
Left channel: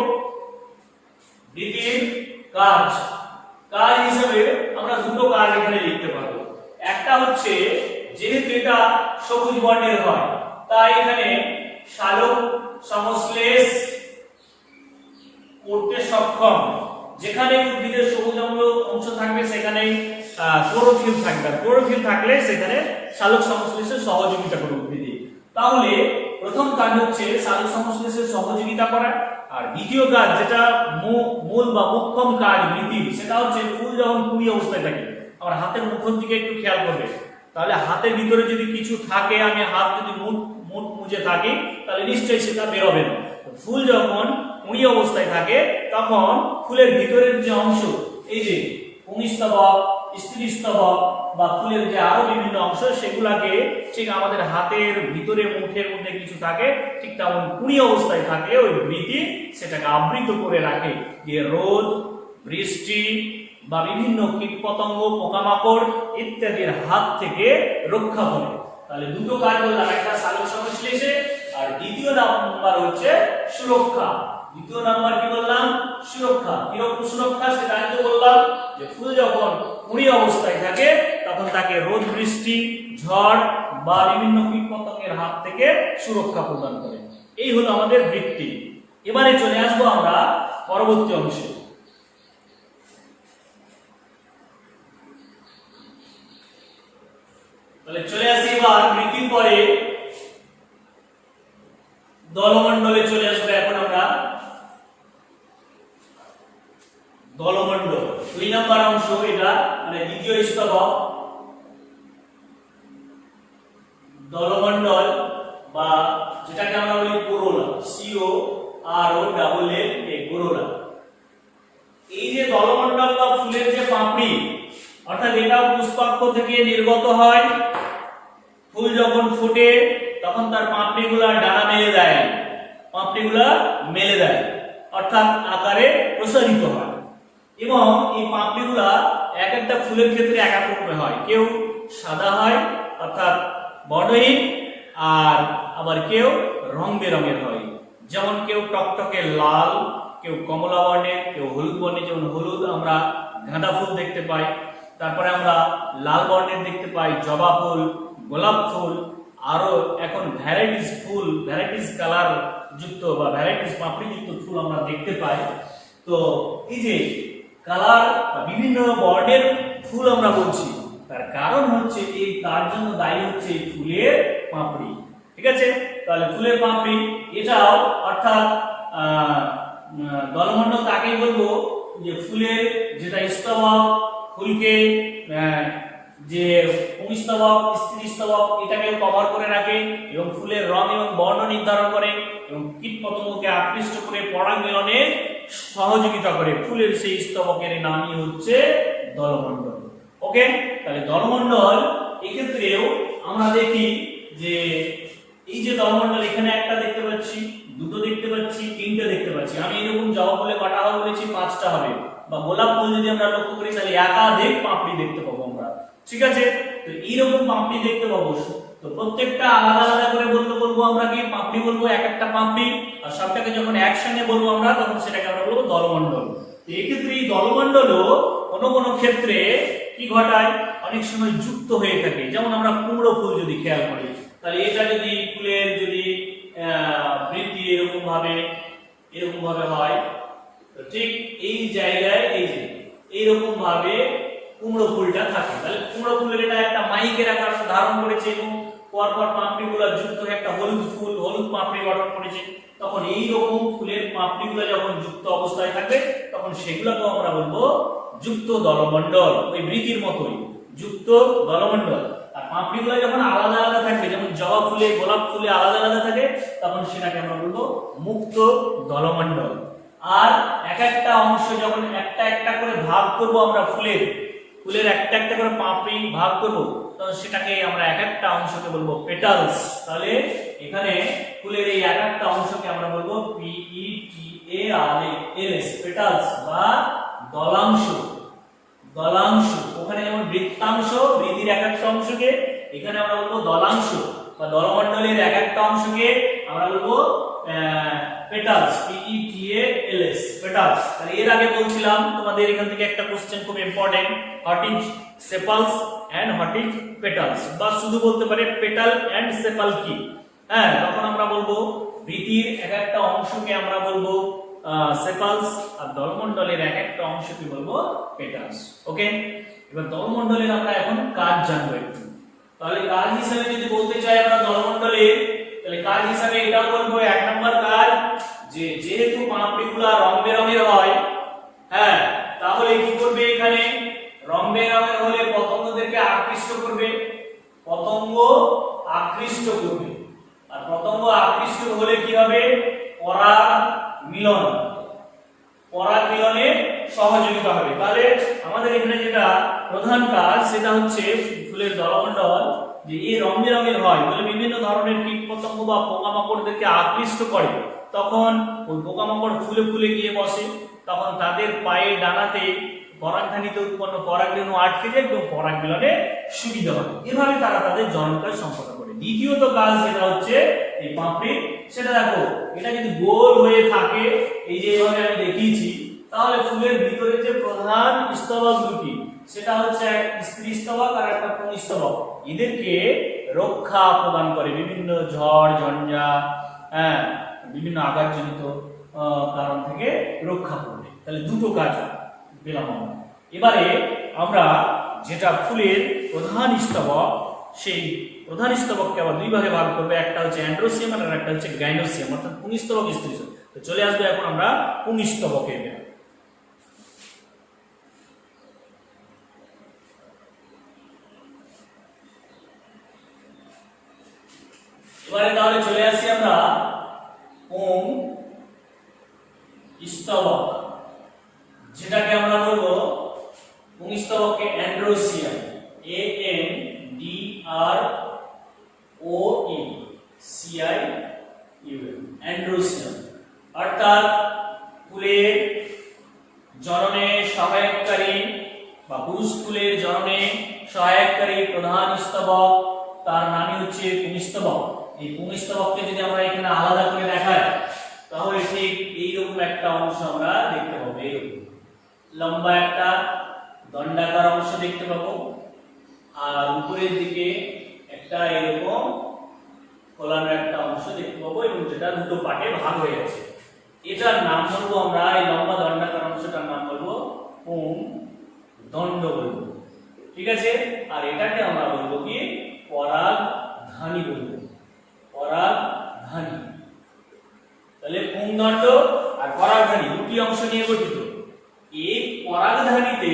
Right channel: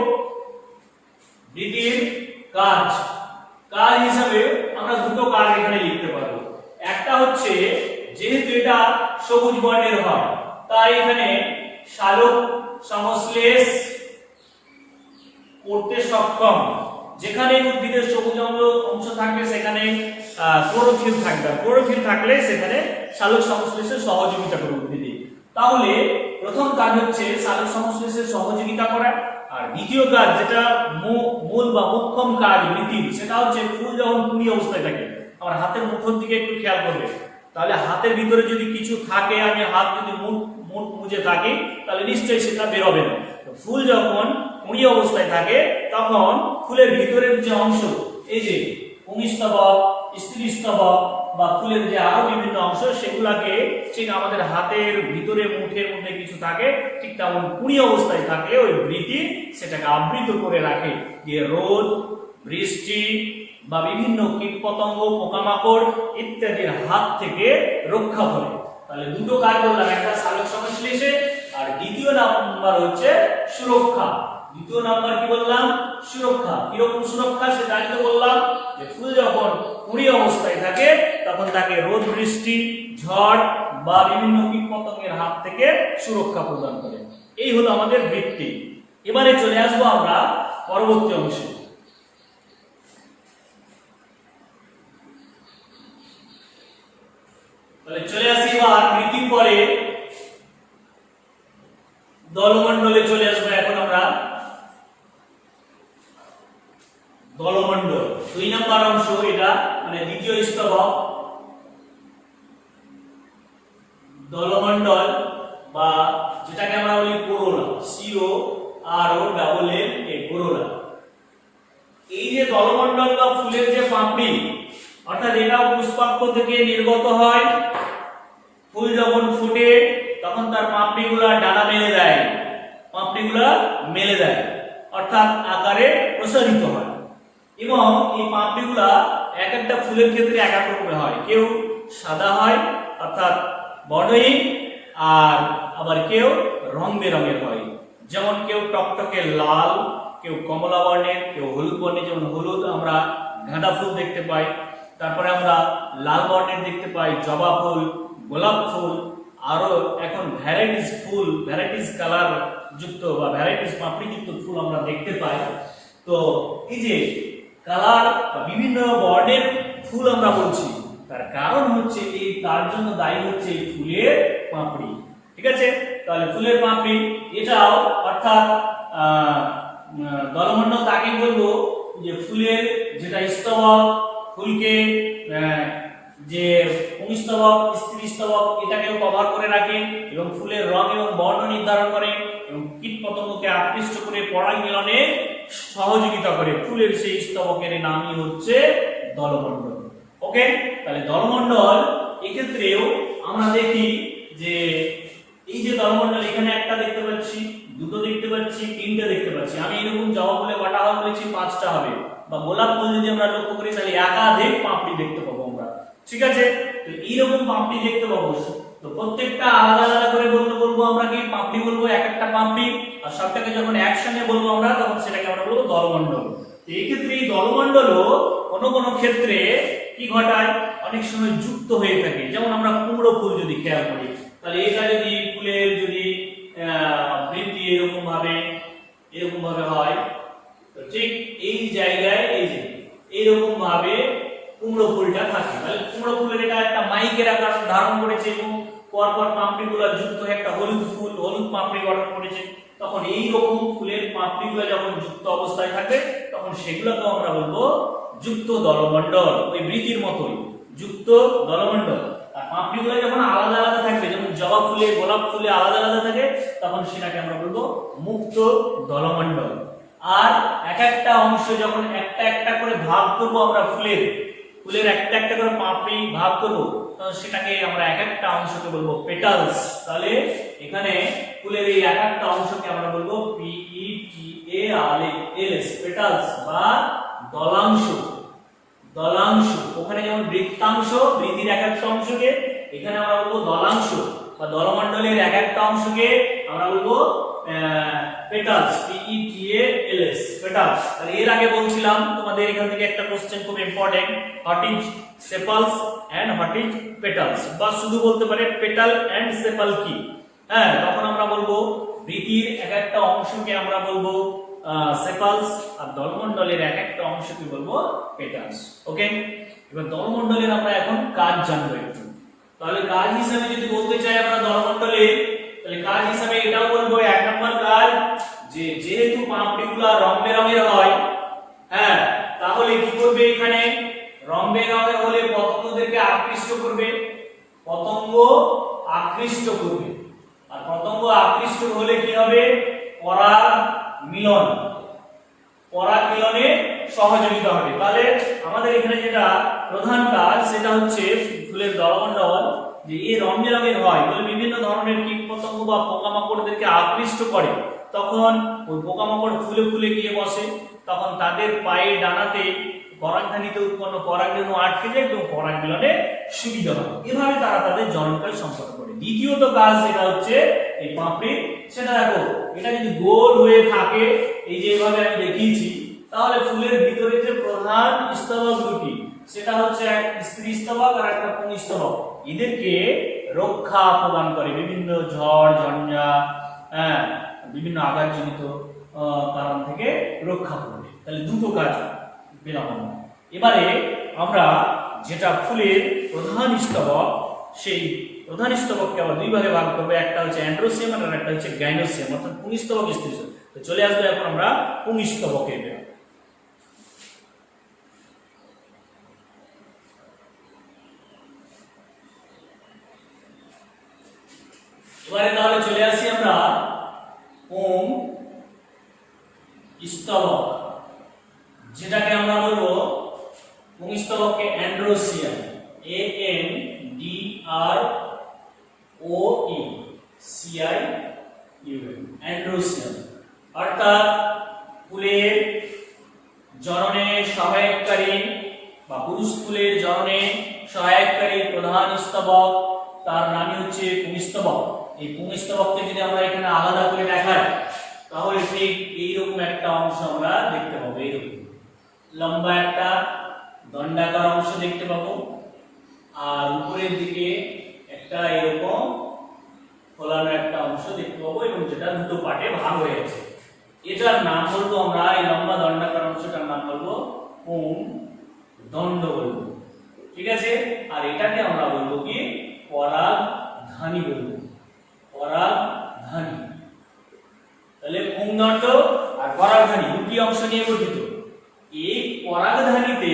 বৃতির কাজ, কাজ হিসাবে আমরা দুটো কাজ এখানে লিখতে পারবো। একটা হচ্ছে যেহেতু এটা সবুজ বর্ণের হয় তাই এখানে সালোক সংশ্লেষ করতে সক্ষম। যেখানে উদ্ভিদের সবুজ অংশ থাকবে সেখানে ক্লোরোফিল থাকবে, ক্লোরোফিল থাকলে সেখানে সালোক সংশ্লেষে সহযোগিতা করবে উদ্ভিদে। তাহলে প্রথম কাজ হচ্ছে সালোক সংশ্লেষে সহযোগিতা করা, আর দ্বিতীয় কাজ যেটা মূল বা মুখ্যম কাজ বৃতির, সেটা হচ্ছে ফুল যখন কুঁড়ি অবস্থায় থাকে, আমার হাতের মুখের দিকে একটু খেয়াল করবে, তাহলে হাতের ভিতরে যদি কিছু থাকে, আমি হাত যদি মুখ মুজে থাকি তাহলে নিশ্চয়ই সেটা বেরোবে না। ফুল যখন কুঁড়ি অবস্থায় থাকে তখন ফুলের ভিতরের যে অংশ, এই যে পুংস্তবক, স্ত্রীস্তবক বা ফুলের যে আরো বিভিন্ন অংশ, সেগুলাকে ঠিক আমাদের হাতের ভিতরে মুঠের মধ্যে কিছু থাকে, ঠিক তেমন কুঁড়ি অবস্থায় থাকলে ওই বৃতি সেটাকে আবৃত করে রাখে, যে রোদ, বৃষ্টি বা বিভিন্ন কীটপতঙ্গ, পোকামাকড় ইত্যাদির হাত থেকে রক্ষা করে। তাহলে দুটো কাজ বললাম, একটা সালোক সংশ্লেষে আর দ্বিতীয় নাম্বার হচ্ছে সুরক্ষা। দ্বিতীয় নাম্বার কি বললাম? সুরক্ষা। কিরকম সুরক্ষা সেটা আগে বললাম, যে ফুল যখন কুঁড়ি অবস্থায় থাকে তখন তাকে রোদ, বৃষ্টি, ঝড় বা বিভিন্ন কীটপতঙ্গের হাত থেকে সুরক্ষা প্রদান করে। এই হলো আমাদের বৃত্তি। এবারে চলে আসবো আমরা পরবর্তী অংশে। তাহলে চলে আসি এবার বৃত্তির পরে দলমণ্ডলে চলে আসবো। এখন আমরা দলমণ্ডল 2 নম্বর অংশ, এটা মানে দ্বিতীয় স্তবক, দলমণ্ডল বা যেটাকে আমরা বলি কোরোলা, COROLLA, কোরোলা। এই যে দলমণ্ডল বা ফুলের যে পাপড়ি, অর্থাৎ এটাও পুষ্পাক্ষ থেকে নির্গত হয়। ফুল যখন ফুটে তখন তার পাপড়িগুলা ডানা মেলে দেয়, পাপড়িগুলা মেলে দেয়, অর্থাৎ আকারে প্রসারিত হয়। এবং এই পাপড়িগুলা এক একটা ফুলের ক্ষেত্রে এক এক রকমের হয়, কেউ সাদা হয় অর্থাৎ বর্ণহীন, আর আবার কেউ রং বেরঙের হয়, যেমন কেউ টকটকে লাল, কেউ কমলা বর্ণের, কেউ হলুদ বর্ণের, যেমন হলুদ আমরা গাঁদা ফুল দেখতে পাই, তারপরে আমরা লাল বর্ণের দেখতে পাই জবা ফুল, গোলাপ ফুল, আরো এখন ভ্যারাইটিস কালার যুক্ত বা ভ্যারাইটিস পাপড়ি যুক্ত ফুল আমরা দেখতে পাই। তো এই যে কালার বা বিভিন্ন বর্ণের ফুল আমরা বলছি, তার কারণ হচ্ছে তার জন্য দায়ী হচ্ছে এই ফুলের পাপড়ি। ঠিক আছে, তাহলে ফুলের পাপড়ি এটাও অর্থাৎ দলমণ্ডল তাকে বলবো যে ফুলের যেটা স্তবক, ফুলকে যে পুংস্তবক, স্ত্রীস্তবক এটাকেও কভার করে রাখে এবং ফুলের রং এবং বর্ণ নির্ধারণ করে এবং কীট পতঙ্গকে আকৃষ্ট করে পরাগমিলনে সহযোগিতা করে। ফুলের সেই স্তবকের নামই হচ্ছে দলমণ্ডল। ওকে, তাহলে দলমণ্ডল এক্ষেত্রেও আমরা দেখি যে এই যে দলমণ্ডল এখানে একটা দেখতে পাচ্ছি, দুটো দেখতে পাচ্ছি, তিনটে দেখতে পাচ্ছি। আমি এরকম জবা ফুলে কটা হবে বলেছি, 5টা হবে। বা গোলাপ ফুল যদি আমরা লক্ষ্য করি তাহলে একাধিক পাপড়ি দেখতে পাবো আমরা। ঠিক আছে, তো এইরকম পাপড়ি দেখতে পাবো। তো প্রত্যেকটা আলাদা আলাদা করে বলবো আমরা কি পাপড়ি বলবো, এক একটা পাপড়ি, আর সবটাকে যখন একসঙ্গে বলবো আমরা তখন সেটাকে আমরা বলবো দলমণ্ডল। এই ক্ষেত্রে এই দলমণ্ডলও কোনো ক্ষেত্রে কি ঘটায়, অনেক সময় যুক্ত হয়ে থাকে। যেমন আমরা কুমড়ো ফুল যদি খেয়াল করি, তাহলে এটা যদি ফুলের যদি বৃদ্ধি এরকম ভাবে হয়, তো ঠিক এই জায়গায় এই যে এইরকম ভাবে কুমড়ো ফুলটা থাকে। তাহলে কুমড়ো ফুলের এটা একটা মাইকের আকার ধারণ করেছে এবং পরপর পাপড়িগুলো যুক্ত হয়ে একটা হলুদ পাপড়ি গঠন করেছে। তখন এইরকম ফুলের পাপড়িগুলো যখন যুক্ত অবস্থায় থাকবে তখন সেগুলোকেও আমরা বলবো যুক্ত দলমণ্ডল, ওই বৃদ্ধির মতোই যুক্ত দলমণ্ডল। আর পাপড়িগুলো যখন আলাদা আলাদা থাকবে, যেমন জবা ফুলে, গোলাপ ফুলে আলাদা আলাদা থাকে, তখন সেটাকে আমরা বলবো মুক্ত দলমণ্ডল। আর এক একটা অংশ যখন একটা একটা করে ভাগ করবো আমরা ফুলের একটা একটা করে পাপড়ি ভাগ করবো, তখন সেটাকে আমরা এক একটা অংশকে বলবো পেটালস। তাহলে এখানে ফুলের এই এক একটা অংশকে আমরা বলবো PETALS, পেটালস বা দলাংশ। ওখানে যেমন বৃত্তাংশ, বৃদ্ধির এক একটা অংশকে, এখানে আমরা বলবো দলাংশ বা দলমণ্ডলের এক একটা অংশকে আমরা বলবো পেটালস, PETALS, পেটালস। তাহলে এর আগে বলছিলাম তোমাদের এখান থেকে একটা কোশ্চেন খুব important, what is sepals and what is petals, বা শুধু বলতে পারে পেটাল এন্ড সেপাল কি। হ্যাঁ, তখন আমরা বলবো বৃদ্ধির এক একটা অংশকে আমরা বলবো সেপালস, আর দলমণ্ডলের এক একটা অংশকে বলবো পেটালস। ওকে, এবার দলমণ্ডলের আমরা এখন কাজ জানবো একটু। তাহলে কাজ হিসেবে যদি বলতে চাই আমরা দলমণ্ডলের, তাহলে কাজ হিসেবে এটাও বলবো, এক নম্বর কাজ যে যেহেতু পাপড়িগুলো রং বেরঙের হয়, হ্যাঁ, তাহলে কি করবে, এখানে রং বেরঙের হলে পতঙ্গদেরকে আকৃষ্ট করবে, আর পতঙ্গ আকৃষ্ট হলে কি হবে, পরাগমিলনে সহযোগিতা হবে। তাহলে আমাদের এখানে যেটা প্রধান কাজ সেটা হচ্ছে ফুলের দলমণ্ডল যে এই রং বেরঙের হয় বলে বিভিন্ন ধরনের কীট পতঙ্গ বা পোকামাকড়দেরকে আকৃষ্ট করে। তখন ওই পোকামাকড় ফুলে গিয়ে বসে, তখন তাদের পায়ে ডানাতে পরাগধানীতে উৎপন্ন পরাগরেণু আটকে যায় এবং পরাগমিলনে সুবিধা হয়। এভাবে তারা তাদের জননকাজ সম্পন্ন করে। দ্বিতীয়ত কাজ যেটা হচ্ছে এই পাপড়ি, সেটা দেখো এটা যদি গোল হয়ে থাকে, এই যে এইভাবে আমি দেখিয়েছি, তাহলে ফুলের ভিতরে যে প্রধান স্তবক দুটি, সেটা হচ্ছে স্ত্রী স্তবক আর একটা পুংস্তবক, এদেরকে রক্ষা প্রদান করে বিভিন্ন ঝড় ঝঞ্ঝা, বিভিন্ন আঘাতজনিত কারণ থেকে রক্ষা করবে। তাহলে দুটো কাজ পেলাম। এবারে আমরা যেটা ফুলের প্রধান স্তবক, সেই প্রধান স্তবককে আবার দুই ভাগে ভাগ করবো, একটা হচ্ছে অ্যান্ড্রোসিয়াম আর একটা হচ্ছে গাইনোসিয়াম, অর্থাৎ পুংস্তবক, স্ত্রীস্তবক। তো চলে আসবে এখন আমরা পুংস্তবকে। এবারে তাহলে চলে আসি আমরা পুংস্তবক, যেটাকে আমরা বলবো পুংস্তবককে অ্যান্ড্রোসিয়াম, ANDROECIUM, অ্যান্ড্রোসিয়াম, অর্থাৎ ফুলের জননে সহায়ককারী বা পুরুষ ফুলের জননে সহায়ককারী প্রধান স্তবক, তার নামই হচ্ছে পুংস্তবক। এই পুংস্তবককে যদি আমরা এখানে আলাদা করে দেখাই, তাহলে ঠিক এইরকম একটা অংশ আমরা দেখতে পাবো। এইরকম লম্বা একটা দণ্ডাকার অংশ দেখতে পাবো, আর উপরের দিকে একটা এরকম ফোলানো একটা অংশ দেখতে পাবো, এবং যেটা দুটো পার্টে ভাগ হয়ে আছে। এটার নাম বলবো আমরা, এই লম্বা দণ্ডাকার অংশটার নাম বলবো পুংদণ্ড বলবো, ঠিক আছে। আর এটাকে আমরা বলবো কি পরাগধানী বলবো, পরাগধানী। তাহলে পুংদণ্ড আর পরাগধানী দুটি অংশ নিয়ে গঠিত। এই পরাগধানীতে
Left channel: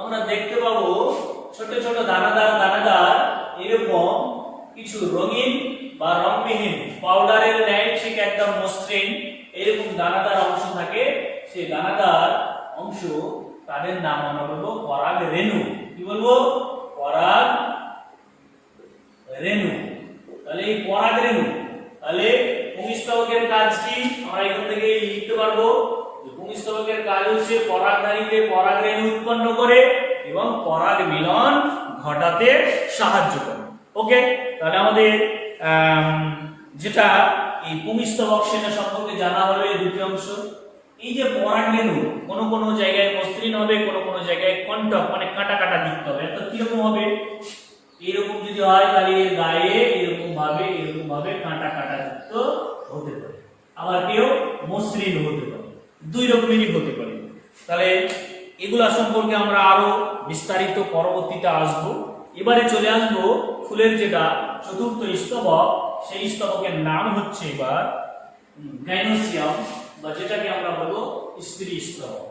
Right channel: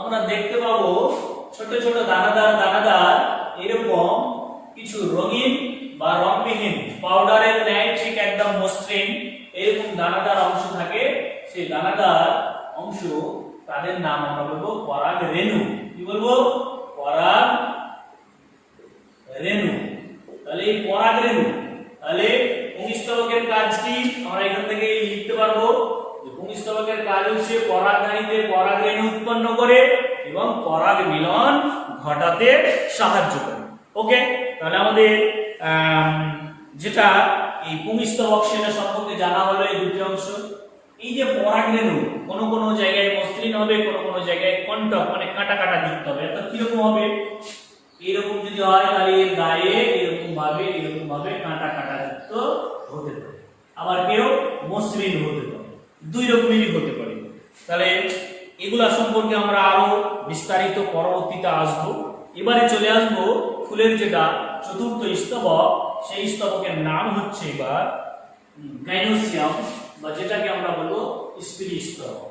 আমরা দেখতে পাবো ছোট ছোট দানাদার দানাদার এরকম কিছু রঙিন বা রংবিহীন পাউডারের ন্যায় ঠিক একদম মসৃণ এরকম দানাদার অংশ থাকে। সেই দানাদার অংশ তাদের নাম আমরা বলবো পরাগ রেণু। কি বলবো? পরাগ রেণু। তাহলে এই পরাগ রেণু, তাহলে পুংস্তবকের কাজ কি আমরা এখান থেকে লিখতে পারবো। পুংস্তবকের কাজ হচ্ছে পরাগধানীতে পরাগ রেণু উৎপন্ন করে এবং পরাগ মিলন ঘটাতে সাহায্য করে। ওকে, তাহলে আমাদের যেটা এই পুংস্তবক সেনা সম্পর্কে জানা হলো এই দুটি অংশ। এই যে পরাগ রেণু কোন কোন জায়গায় মসৃণ হবে, কোন কোন জায়গায় কণ্টক মানে কাটা কাটা যুক্ত হবে। অর্থাৎ কিরকম হবে? এরকম যদি হয় তাহলে এর গায়ে এরকম ভাবে কাটা কাটা যুক্ত হতে পারে, আবার কেউ মসৃণ হতে পারে, দুই রকমেরই হতে পারে। তাহলে এগুলা সম্পর্কে আমরা আরো বিস্তারিত পরবর্তীতে আসবো। এবারে চলে আসবো ফুলের যেটা চতুর্থ স্তবক, সেই স্তবকের নাম হচ্ছে এবার গাইনোসিয়াম, বা যেটাকে আমরা বলবো স্ত্রী স্তবক।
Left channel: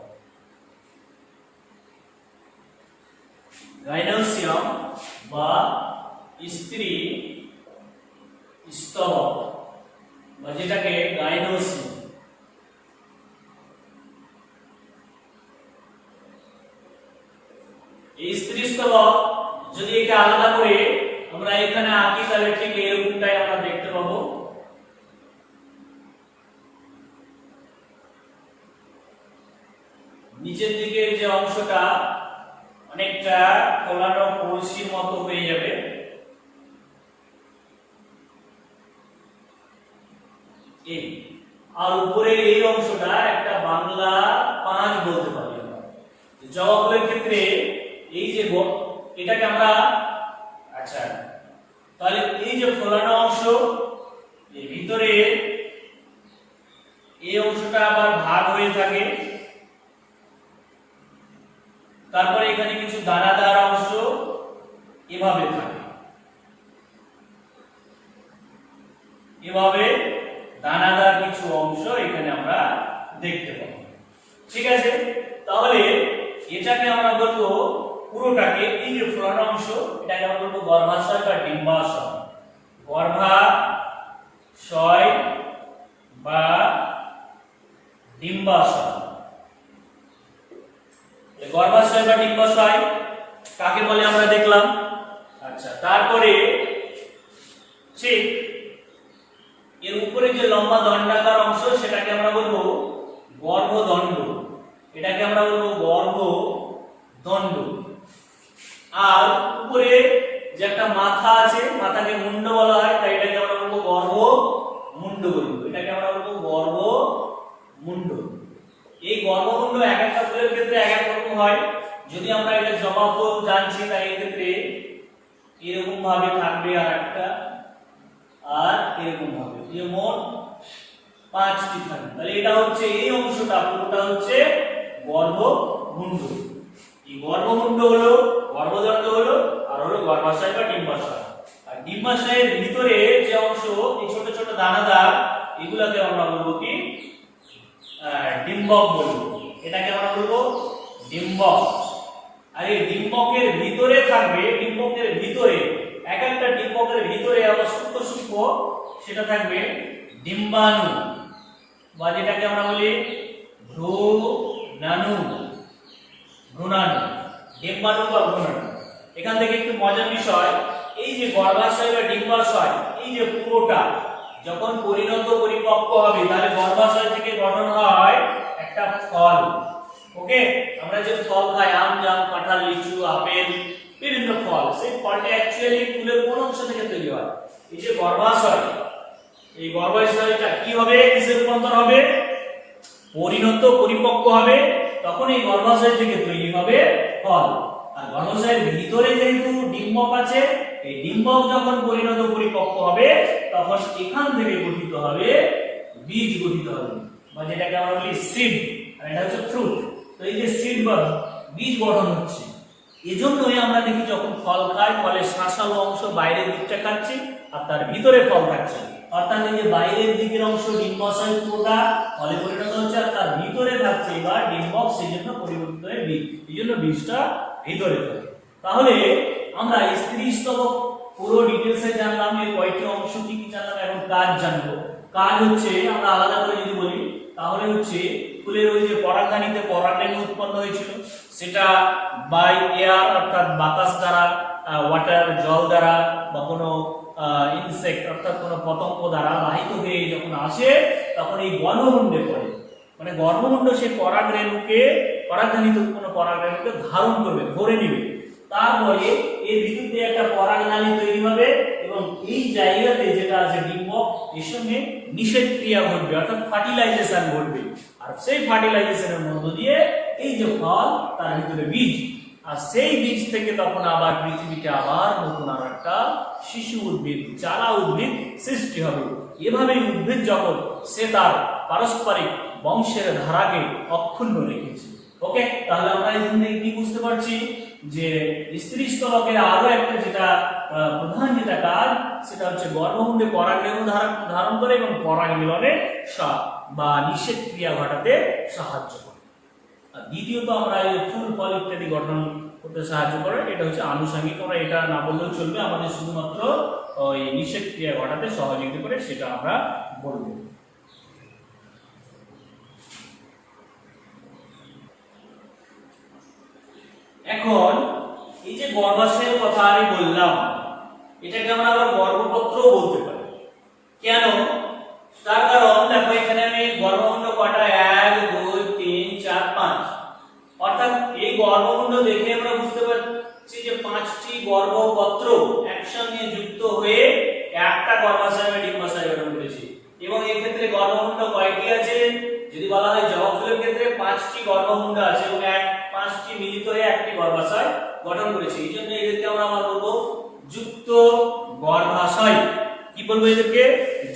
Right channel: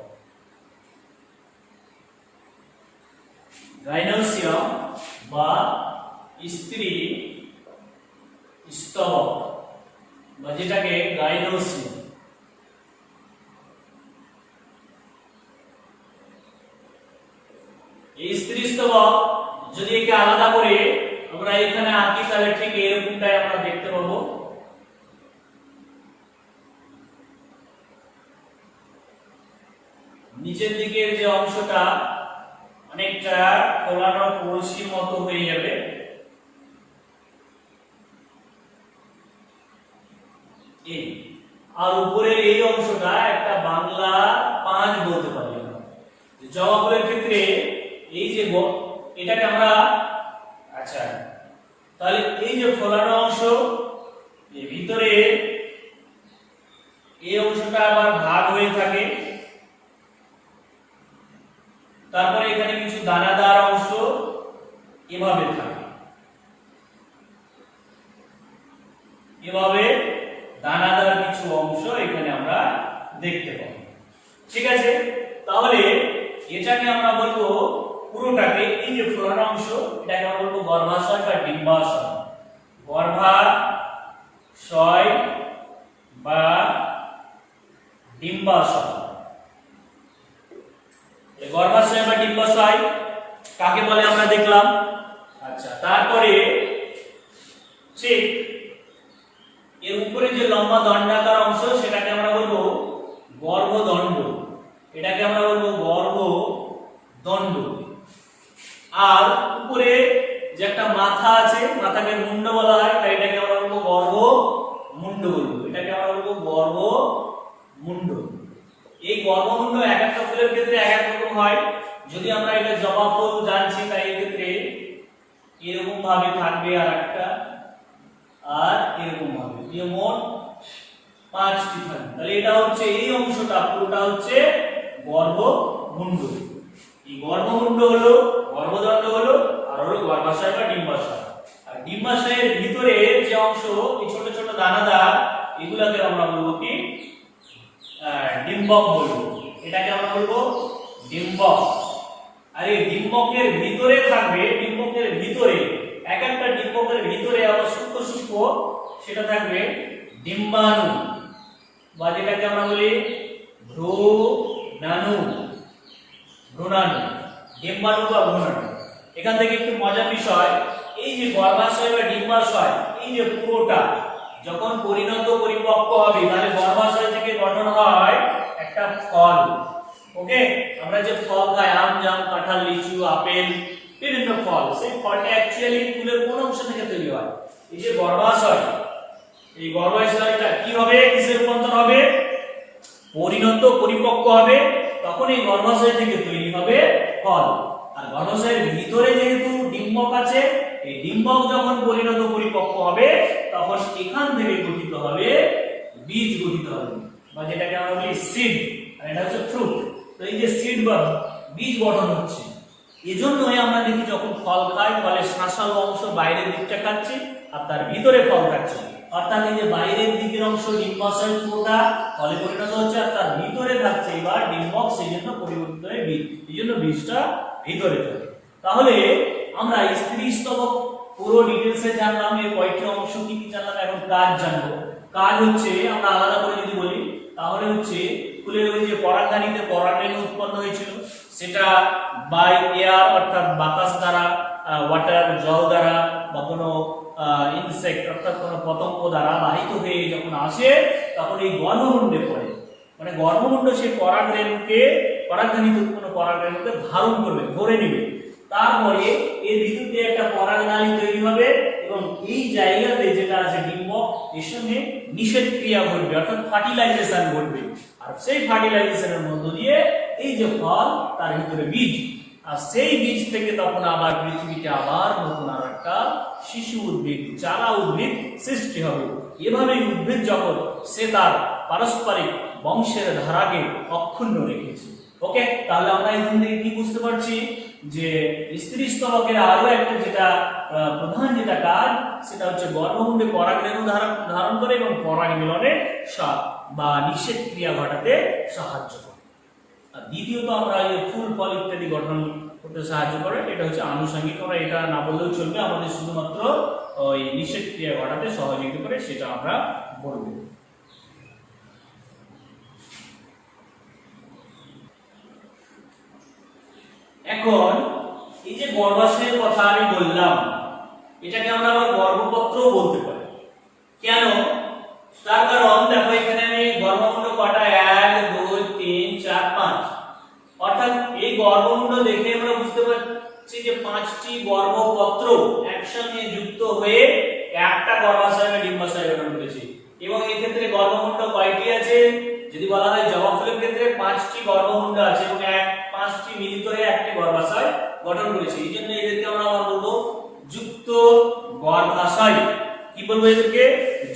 গাইনোসিয়াম বা স্ত্রী স্তবক, বা যেটাকে গাইনোসিয়াম। এই স্ত্রী স্তবক যদি একে আলাদা করে আমরা এখানে আঁকি তাহলে ঠিক এরকমটাই আমরা দেখতে পাবো। নিচের দিকের যে অংশটা অনেকটা ফোলানো কলসির মতো হয়ে যাবে, এই আর উপরের এই অংশটা একটা বাংলা পাঁচ বলতে পারি আমরা। জবা ফুলের ক্ষেত্রে এই যে এটাকে আমরা, আচ্ছা তাহলে এই যে ফোলানো অংশ এর ভিতরে এই অংশটা আবার ভাগ হয়ে থাকে, তারপরে এখানে কিছু দানাদার অংশ এভাবে থাকে, এভাবে দানাদার কিছু অংশ এখানে আমরা দেখতে পাবো, ঠিক আছে। তাহলে এটাকে আমরা বলবো পুরোটাকে, এই যে ফোলানো অংশ এটাকে আমরা বলবো গর্ভাশয় বা ডিম্বাশয়। গর্ভাশয় বা ডিম্বাশয়। গর্ভাশয় বা ডিম্বাশয় কাকে বলে আমরা দেখলাম। আচ্ছা, তারপরে ঠিক এর উপরে যে লম্বা দণ্ডাকার অংশ সেটাকে আমরা বলবো গর্ভদণ্ড। এটাকে আমরা বলবো গর্ভদণ্ড। আর উপরে যে একটা মাথা আছে, মাথাকে মুন্ড বলা হয়, তাই এটাকে আমরা বলবো গর্ভমুণ্ড বলবো। এটাকে আমরা বলবো গর্ভমুণ্ড। এই গর্ভমুণ্ড এক একটা ফুলের ক্ষেত্রে এক এক রকম হয়। যদি আমরা এটা জবা ফুল জানছি তাই এই ক্ষেত্রে এরকম ভাবে থাকবে আর একটা, আর এরকম ভাবে, এই মোট 5টি থাকবে। তাহলে এটা হচ্ছে এই অংশটা পুরোটা হচ্ছে গর্ভমুণ্ড। এই গর্ভমুণ্ড হলো, গর্ভদণ্ড হলো, আর হলো গর্ভাশয় বা ডিম্বাশয়। আর ডিম্বাশয়ের ভিতরে যে অংশ এই ছোট ছোট দানাদার, এগুলাকে আমরা বলবো কি ডিম্বক বলবো। এটাকে আমরা বলবো ডিম্বক। আর এই ডিম্বকের ভিতরে থাকবে, ডিম্বকের ভিতরে এক একটা ডিম্বকের ভিতরে আবার সূক্ষ্ম সূক্ষ্ম সেটা থাকবে ডিম্বাণু, বা যেটাকে আমরা বলি ভ্রূণাণু। ডিম্বাণু বা ভ্রূণাণু। এখান থেকে একটু মজার বিষয়, এই যে গর্ভাশয় বা ডিম্বাশয়, এই যে পুরোটা যখন পরিণত পরিপক্ক হবে তাহলে গর্ভাশয় থেকে গঠন হয় একটা ফল। ওকে, আমরা যে ফল খাই, আম, জাম, কাঁঠাল, লিচু, আপেল, বিভিন্ন ফল, সেই ফলটা অ্যাকচুয়ালি ফুলের কোন অংশ থেকে তৈরি হয়? এই যে গর্ভাশয়। এই গর্ভাশয়টা কি হবে? কিসের রূপান্তর হবে? পরিণত পরিপক্ক হবে, তখন এই গর্ভাশয় থেকে তৈরি হবে ফল। আর গর্ভাশয়ের ভিতরে যেহেতু ডিম্বক আছে, এই ডিম্বক যখন পরিণত পরিপক্ক হবে তখন এখান থেকে গঠিত হবে বীজ গঠিত হবে, বা যেটাকে আমরা বলি সিড, আর এটা হচ্ছে ফ্রুট। তো এই যে সিড বা বীজ গঠন হচ্ছে, এজন্যই আমরা দেখি যখন ফল খাই ফলের শাঁসালো অংশ বাইরের দিকটা খাচ্ছি আর তার ভিতরে ফল থাকছে, অর্থাৎ এই যে বাইরের দিকের অংশ ডিম্বাশয় পুরোটা ফলে পরিণত হচ্ছে আর তার ভিতরে থাকছে এবার ডিম্বক, সেই জন্য পরিবর্তিত হয়ে বীজ, এই জন্য বীজটা ভিতরে থাকে। তাহলে আমরা স্ত্রী স্তবক পুরো ডিটেলসে জানলাম, এর কয়টি অংশ কি কি জানলাম, এখন কাজ জানবো। কাজ হচ্ছে আমরা আলাদা করে যদি বলি তাহলে হচ্ছে ফুলের ওই যে পরাগধানীতে পরাগরেণু উৎপন্ন হয়েছিল, সেটা বাই এয়ার অর্থাৎ বাতাস দ্বারা, ওয়াটার জল দ্বারা, বা কোনো ইনসেক্ট অর্থাৎ কোনো পতঙ্গ দ্বারা বাহিত হয়ে যখন আসে তখন এই গর্ভমুণ্ডে পড়ে, মানে গর্ভমুণ্ড সেই পরাগরেণুকে, পরাগধানীতে উৎপন্ন পরাগরেণুকে ধারণ করবে, ধরে নিবে। তারপরে এর ভিতরে একটা পরাগনালী তৈরি হবে এবং এই জায়গাতে যেটা আছে ডিম্বক, এর সঙ্গে নিষেধ ক্রিয়া ঘটবে অর্থাৎ ফার্টিলাইজেশন ঘটবে, আর সেই ফার্টিলাইজেশনের মধ্য দিয়ে এই যে ফল তার ভিতরে বীজ, আর সেই বীজ থেকে তখন আবার পৃথিবীতে আবার নতুন আর একটা শিশু উদ্ভিদ, চারা উদ্ভিদ সৃষ্টি হবে। এভাবেই উদ্ভিদ জগৎ সে তার পারস্পরিক বংশের ধারাকে অক্ষুণ্ণ রেখেছে। ওকে, তাহলে আমরা এখান থেকে কি বুঝতে পারছি যে স্ত্রী স্তবকের আরো একটা যেটা প্রধান যেটা কাজ সেটা হচ্ছে গর্ভমুণ্ডে পরাগরেণু ধারণ করে এবং পরাগ মিলনে বা নিষেধ ক্রিয়া ঘটাতে সাহায্য করে। আর দ্বিতীয়ত আমরা এই ফুল ফল ইত্যাদি গঠন করতে সাহায্য করে, এটা হচ্ছে আনুষঙ্গিক, আমরা এটা না বললেও চলবে, আমাদের শুধুমাত্র ওই নিষেধ ক্রিয়া ঘটাতে সহযোগিতা করে সেটা আমরা বলবো। এখন এই যে গর্ভাশয়ের কথা আমি বললাম, এটাকে আমরা আবার গর্ভপত্রও বলতে পারি। কেন? তার কারণ দেখো এখানে আমি গর্ভমুণ্ড কটা 1 2 3 4 5, অর্থাৎ এই গর্ভমুণ্ড দেখে আমরা বুঝতে পারছি যে 5টি গর্ভপত্র একসঙ্গে যুক্ত হয়ে একটা গর্ভাশয় বা ডিম্বাশয় গঠন করেছে। এবং এই ক্ষেত্রে গর্ভমুণ্ড কয়টি আছে? যদি বলা হয় জবা ফুলের ক্ষেত্রে 5টি গর্ভমুণ্ড আছে এবং 5টি মিলিত হয়ে একটি গর্ভাশয় গঠন করেছে। এই জন্য এদেরকে আমরা বলবো যুক্ত গর্ভাশয়। কি বলবো এদেরকে?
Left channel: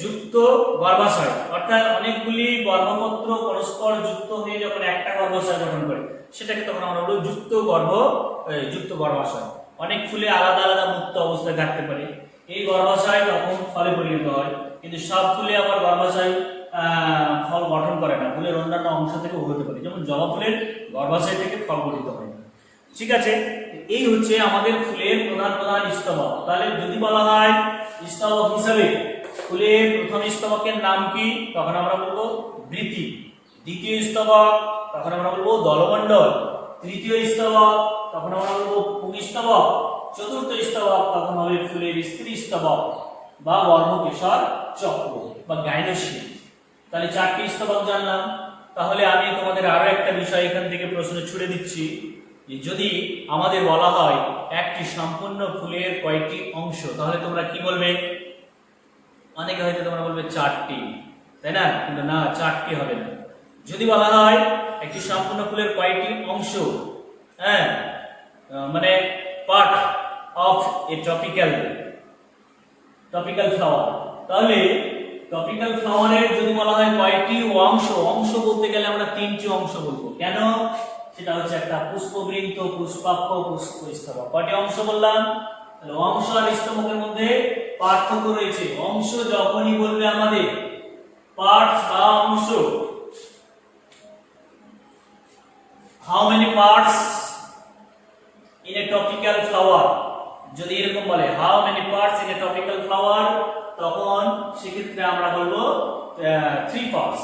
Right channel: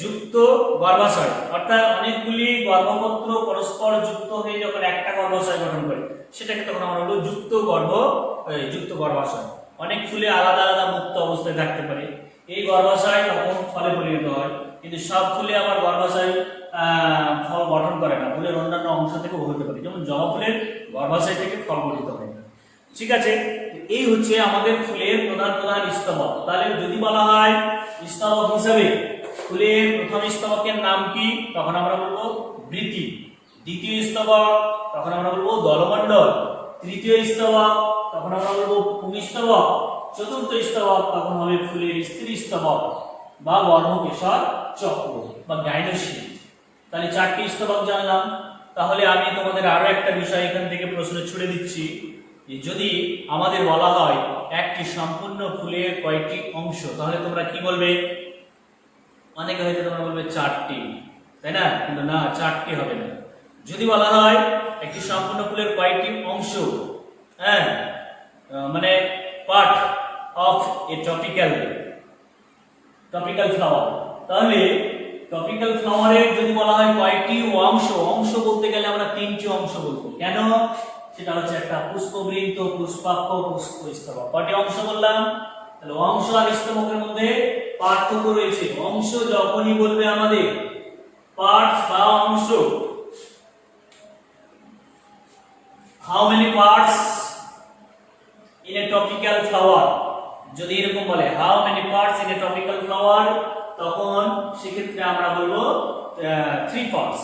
যুক্ত গর্ভাশয়। অর্থাৎ অনেকগুলি গর্ভপত্র পরস্পর যুক্ত হয়ে যখন একটা গর্ভাশয় গঠন করে সেটাকে তখন আমরা বলবো যুক্ত গর্ভাশয়। অনেক ফুলে আলাদা আলাদা মুক্ত অবস্থায় থাকতে পারে, এই গর্ভাশয় তখন ফলে পরিণত হয়। কিন্তু সব ফুলে আবার গর্ভাশয় ফল গঠন করে না, ফুলের অন্যান্য অংশ থেকেও হতে পারে, যেমন জবা ফুলের গর্ভাশয় থেকে ফল গঠিত হয় না। ঠিক আছে, এই হচ্ছে আমাদের ফুলের প্রধান প্রধান স্তবক। তাহলে যদি বলা হয় স্তবক হিসাবে ফুলের প্রথম স্তবকের নাম কি, তখন আমরা বলবো বৃতি। দ্বিতীয় স্তবক তখন আমরা বলবো দলমণ্ডল। তৃতীয় স্তবক তখন আমরা বলবো পুংস্তবক। চতুর্থ স্তবক তখন হবে ফুলের স্ত্রী স্তবক বা গর্ভকেশর চক্র বা গাইনোসিয়া। তাহলে 4টি স্তবক জানলাম। তাহলে আমি তোমাদের আরো একটা বিষয় এখান থেকে প্রশ্ন ছুড়ে দিচ্ছি, যে যদি আমাদের বলা হয় একটি সম্পূর্ণ ফুলের কয়টি অংশ, তাহলে তোমরা কি বলবে? অনেকে হয়তো তোমরা বলবে 4টি, তাই না? কিন্তু না, 4টি হবে না। যদি বলা হয় একটি সম্পূর্ণ ফুলের কয়টি অংশ, হ্যাঁ, মানে part of A tropical flower, তাহলে টপিক্যাল ফ্লাওয়ারের যদি বলা হয় কয়টি অংশ বলতে গেলে আমরা 3টি অংশ বলবো। কেন? সেটা হচ্ছে একটা পুষ্পবৃন্ত, পুষ্পাক্ষ, পুষ্পস্তবক। কয়টি অংশ বললাম? তাহলে অংশ আর স্তবকের মধ্যে পার্থক্য রয়েছে। অংশ যখনই বলবে আমাদের পার্টস বা অংশ, how many parts in a topical flower, যদি এরকম বলে how many parts in a topical flower, তখন সেক্ষেত্রে আমরা বলবো 3 পার্টস,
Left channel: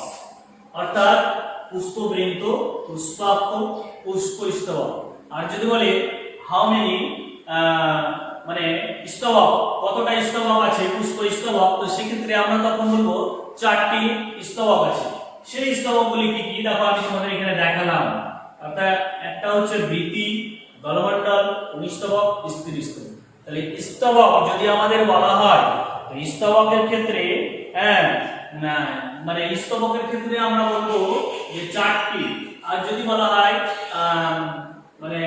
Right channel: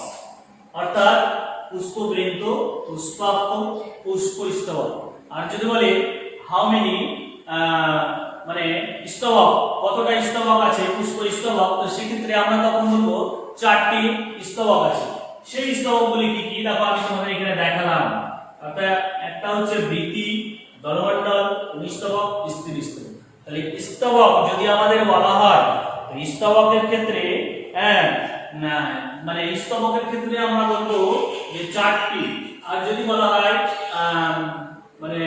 অর্থাৎ পুষ্পবৃন্ত, পুষ্পাক্ষ, পুষ্পস্তবক। আর যদি বলে হাউ মেনি মানে স্তবক, কতটা স্তবক আছে পুষ্পস্তবক, তো সেক্ষেত্রে আমরা তখন বলবো 4টি স্তবক আছে। সেই স্তবকগুলি কি কি? দেখো আমি তোমাদের এখানে দেখালাম। অর্থাৎ একটা হচ্ছে বৃতি, দলমণ্ডল, পুংস্তবক, স্ত্রী স্তবক। তাহলে স্তবক যদি আমাদের বলা হয়, স্তবকের ক্ষেত্রে মানে স্তবকের ক্ষেত্রে আমরা বলবো যে 4টি। আর যদি বলা হয় মানে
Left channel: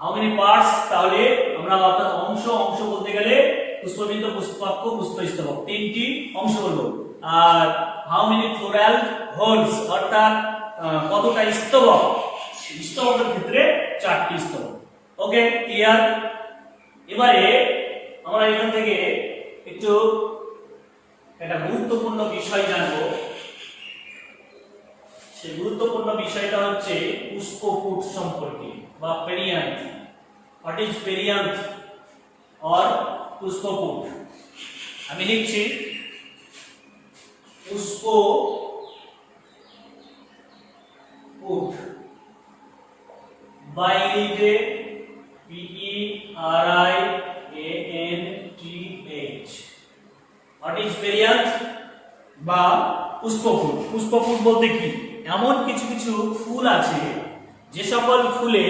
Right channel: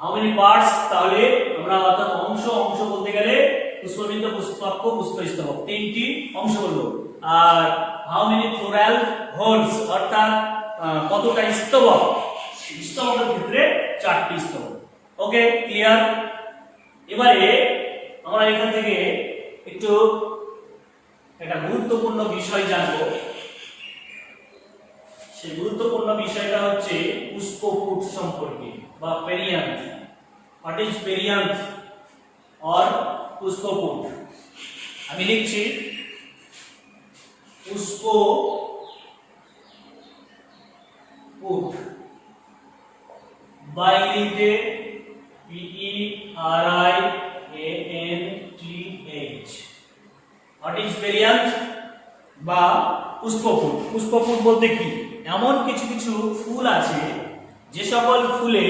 হাউ মেনি পার্টস, তাহলে আমরা অর্থাৎ অংশ বলতে গেলে পুষ্পবিন্দ, পুষ্পাক্ষ, পুষ্পস্তবক তিনটি অংশ বলবো। আর হাউ মেনি ফ্লোরাল হোলস অর্থাৎ কতটা স্তবক, স্তবকের ক্ষেত্রে 4টি স্তবক। ওকে, ক্লিয়ার। এবারে আমরা এখান থেকে একটু একটা গুরুত্বপূর্ণ বিষয় জানবো। সেই গুরুত্বপূর্ণ বিষয়টা হচ্ছে পুষ্পপুট সম্পর্কে বা perianth. What is perianth or পুষ্পপুট? আমি লিখছি পুষ্পপুট, বা ইংরেজিতে PERIANTH। হোয়াট ইজ পেরিয়ান্থ বা পুষ্পপুট? পুষ্পপুট বলতে কি, এমন কিছু কিছু ফুল আছে যে সকল ফুলে,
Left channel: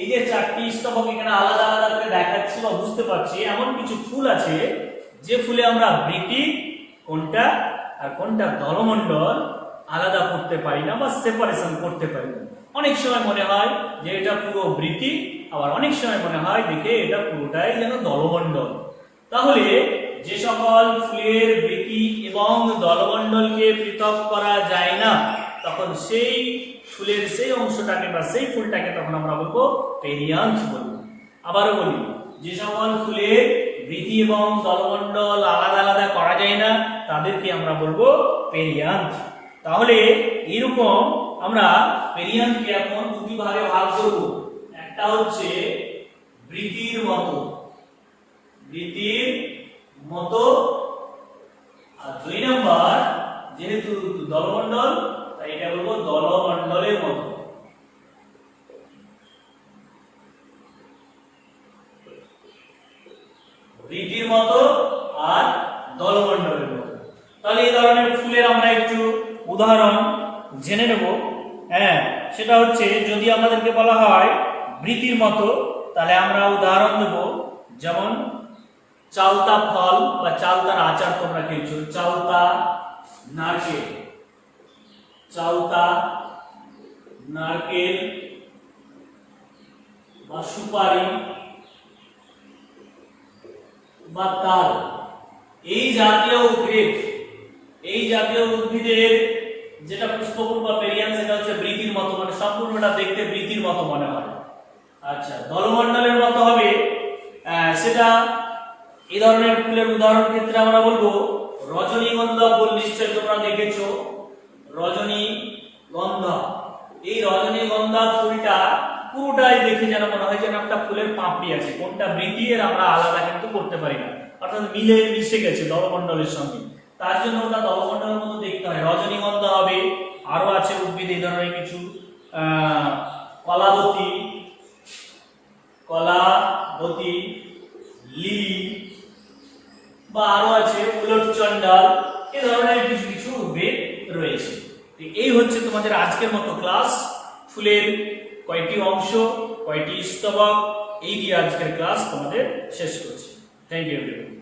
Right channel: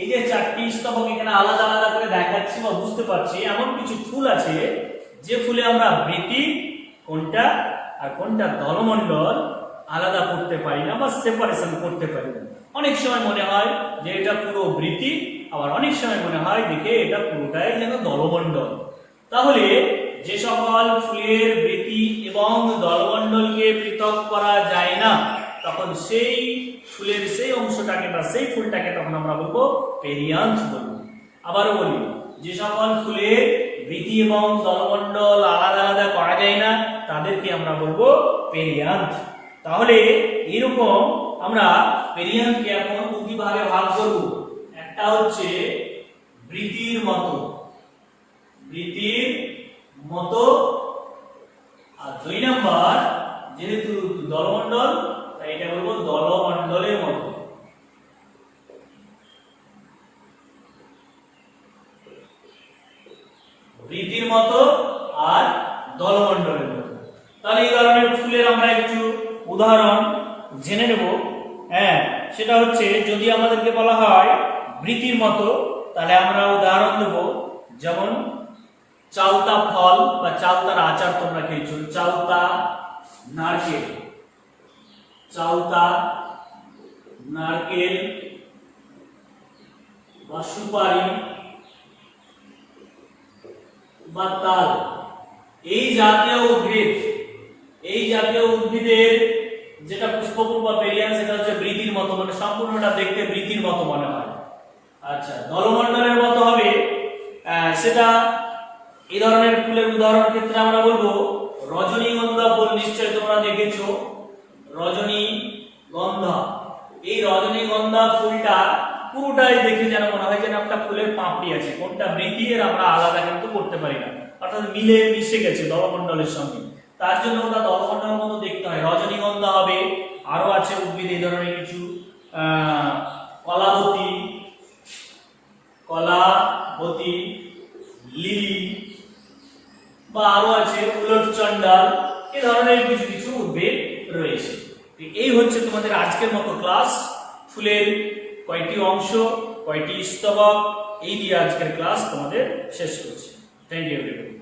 এই যে 4টি স্তবক এখানে আলাদা আলাদা করে দেখাচ্ছি বা বুঝতে পারছি, এমন কিছু ফুল আছে যে ফুলে আমরা বৃতি কোনটা আর কোনটা দলমণ্ডল আলাদা করতে পারি না বা সেপারেশন করতে পারি না। অনেক সময় মনে হয় যে এটা পুরো বৃতি, আবার অনেক সময় মনে হয় দেখে এটা পুরোটাই যেন দলমণ্ডল। তাহলে যে সকল ফুলের বৃতি এবং দলমণ্ডলকে পৃথক করা যায় না, তখন সেই ফুলের সেই অংশটাকে বা সেই ফুলটাকে তখন আমরা বলবো পেরিয়ান্থ বলবো। আবারও বলি, যে সকল ফুলের বৃতি এবং দলমণ্ডল আলাদা আলাদা করা যায় না, তাদেরকে আমরা বলবো পেরিয়ান্থ। তাহলে এরকম আমরা পেরিয়ান্থকে এখন দুটি ভাগে ভাগ করব। একটা হচ্ছে বৃতির মতো, আর 2 নাম্বার যেহেতু দলমণ্ডল, তাই এটা বলবো দলমণ্ডলের মতো। বৃতির মতো আর দলমণ্ডলের মতো। তাহলে এই ধরনের ফুলের আমরা একটু উদাহরণ জেনে নেব। হ্যাঁ, সেটা হচ্ছে যদি আমাদেরকে বলা হয় বৃতির মতো, তাহলে আমরা উদাহরণ নেব, যেমন চালতা ফল বা চালতার আচার তোমরা খেয়েছো, চালতা নারকেল, বা সুপারি বা তাল, এই জাতীয় উদ্ভিদের যেটা পুষ্পপুট বা পেরিয়ান্থ, সেটা হচ্ছে বৃতির মতো, মানে সম্পূর্ণটা দেখতে বৃতির মতো মনে হয়। আচ্ছা, দলমণ্ডলের মতো হবে, সেটা এই ধরনের ফুলের উদাহরণ ক্ষেত্রে আমরা বলবো রজনীগন্ধা ফুল। নিশ্চয় তোমরা দেখেছো রজনীগন্ধা। এই রজনীগন্ধা ফুলটা পুরোটাই দেখে যেন মনে হয় যেন একটা ফুলের পাপড়ি আছে, কোনটা বৃতি এর আমরা আলাদা কিন্তু করতে পারি না, অর্থাৎ মিশে গেছে দলমণ্ডলের সঙ্গে। তার জন্য ওটা দলমণ্ডলের মতো দেখতে হয়, রজনীগন্ধা হবে। আরো আছে উদ্ভিদ এই ধরনের কিছু, কলাবতী, লিলি, বা আরো আছে উলটচন্ডাল, এই ধরনের কিছু কিছু উদ্ভিদ রয়েছে। এই হচ্ছে তোমাদের আজকের মতো ক্লাস। ফুলের কয়টি অংশ, কয়টি স্তবক, এই দিয়ে আজকের ক্লাস তোমাদের শেষ করছি। Thank you everyone.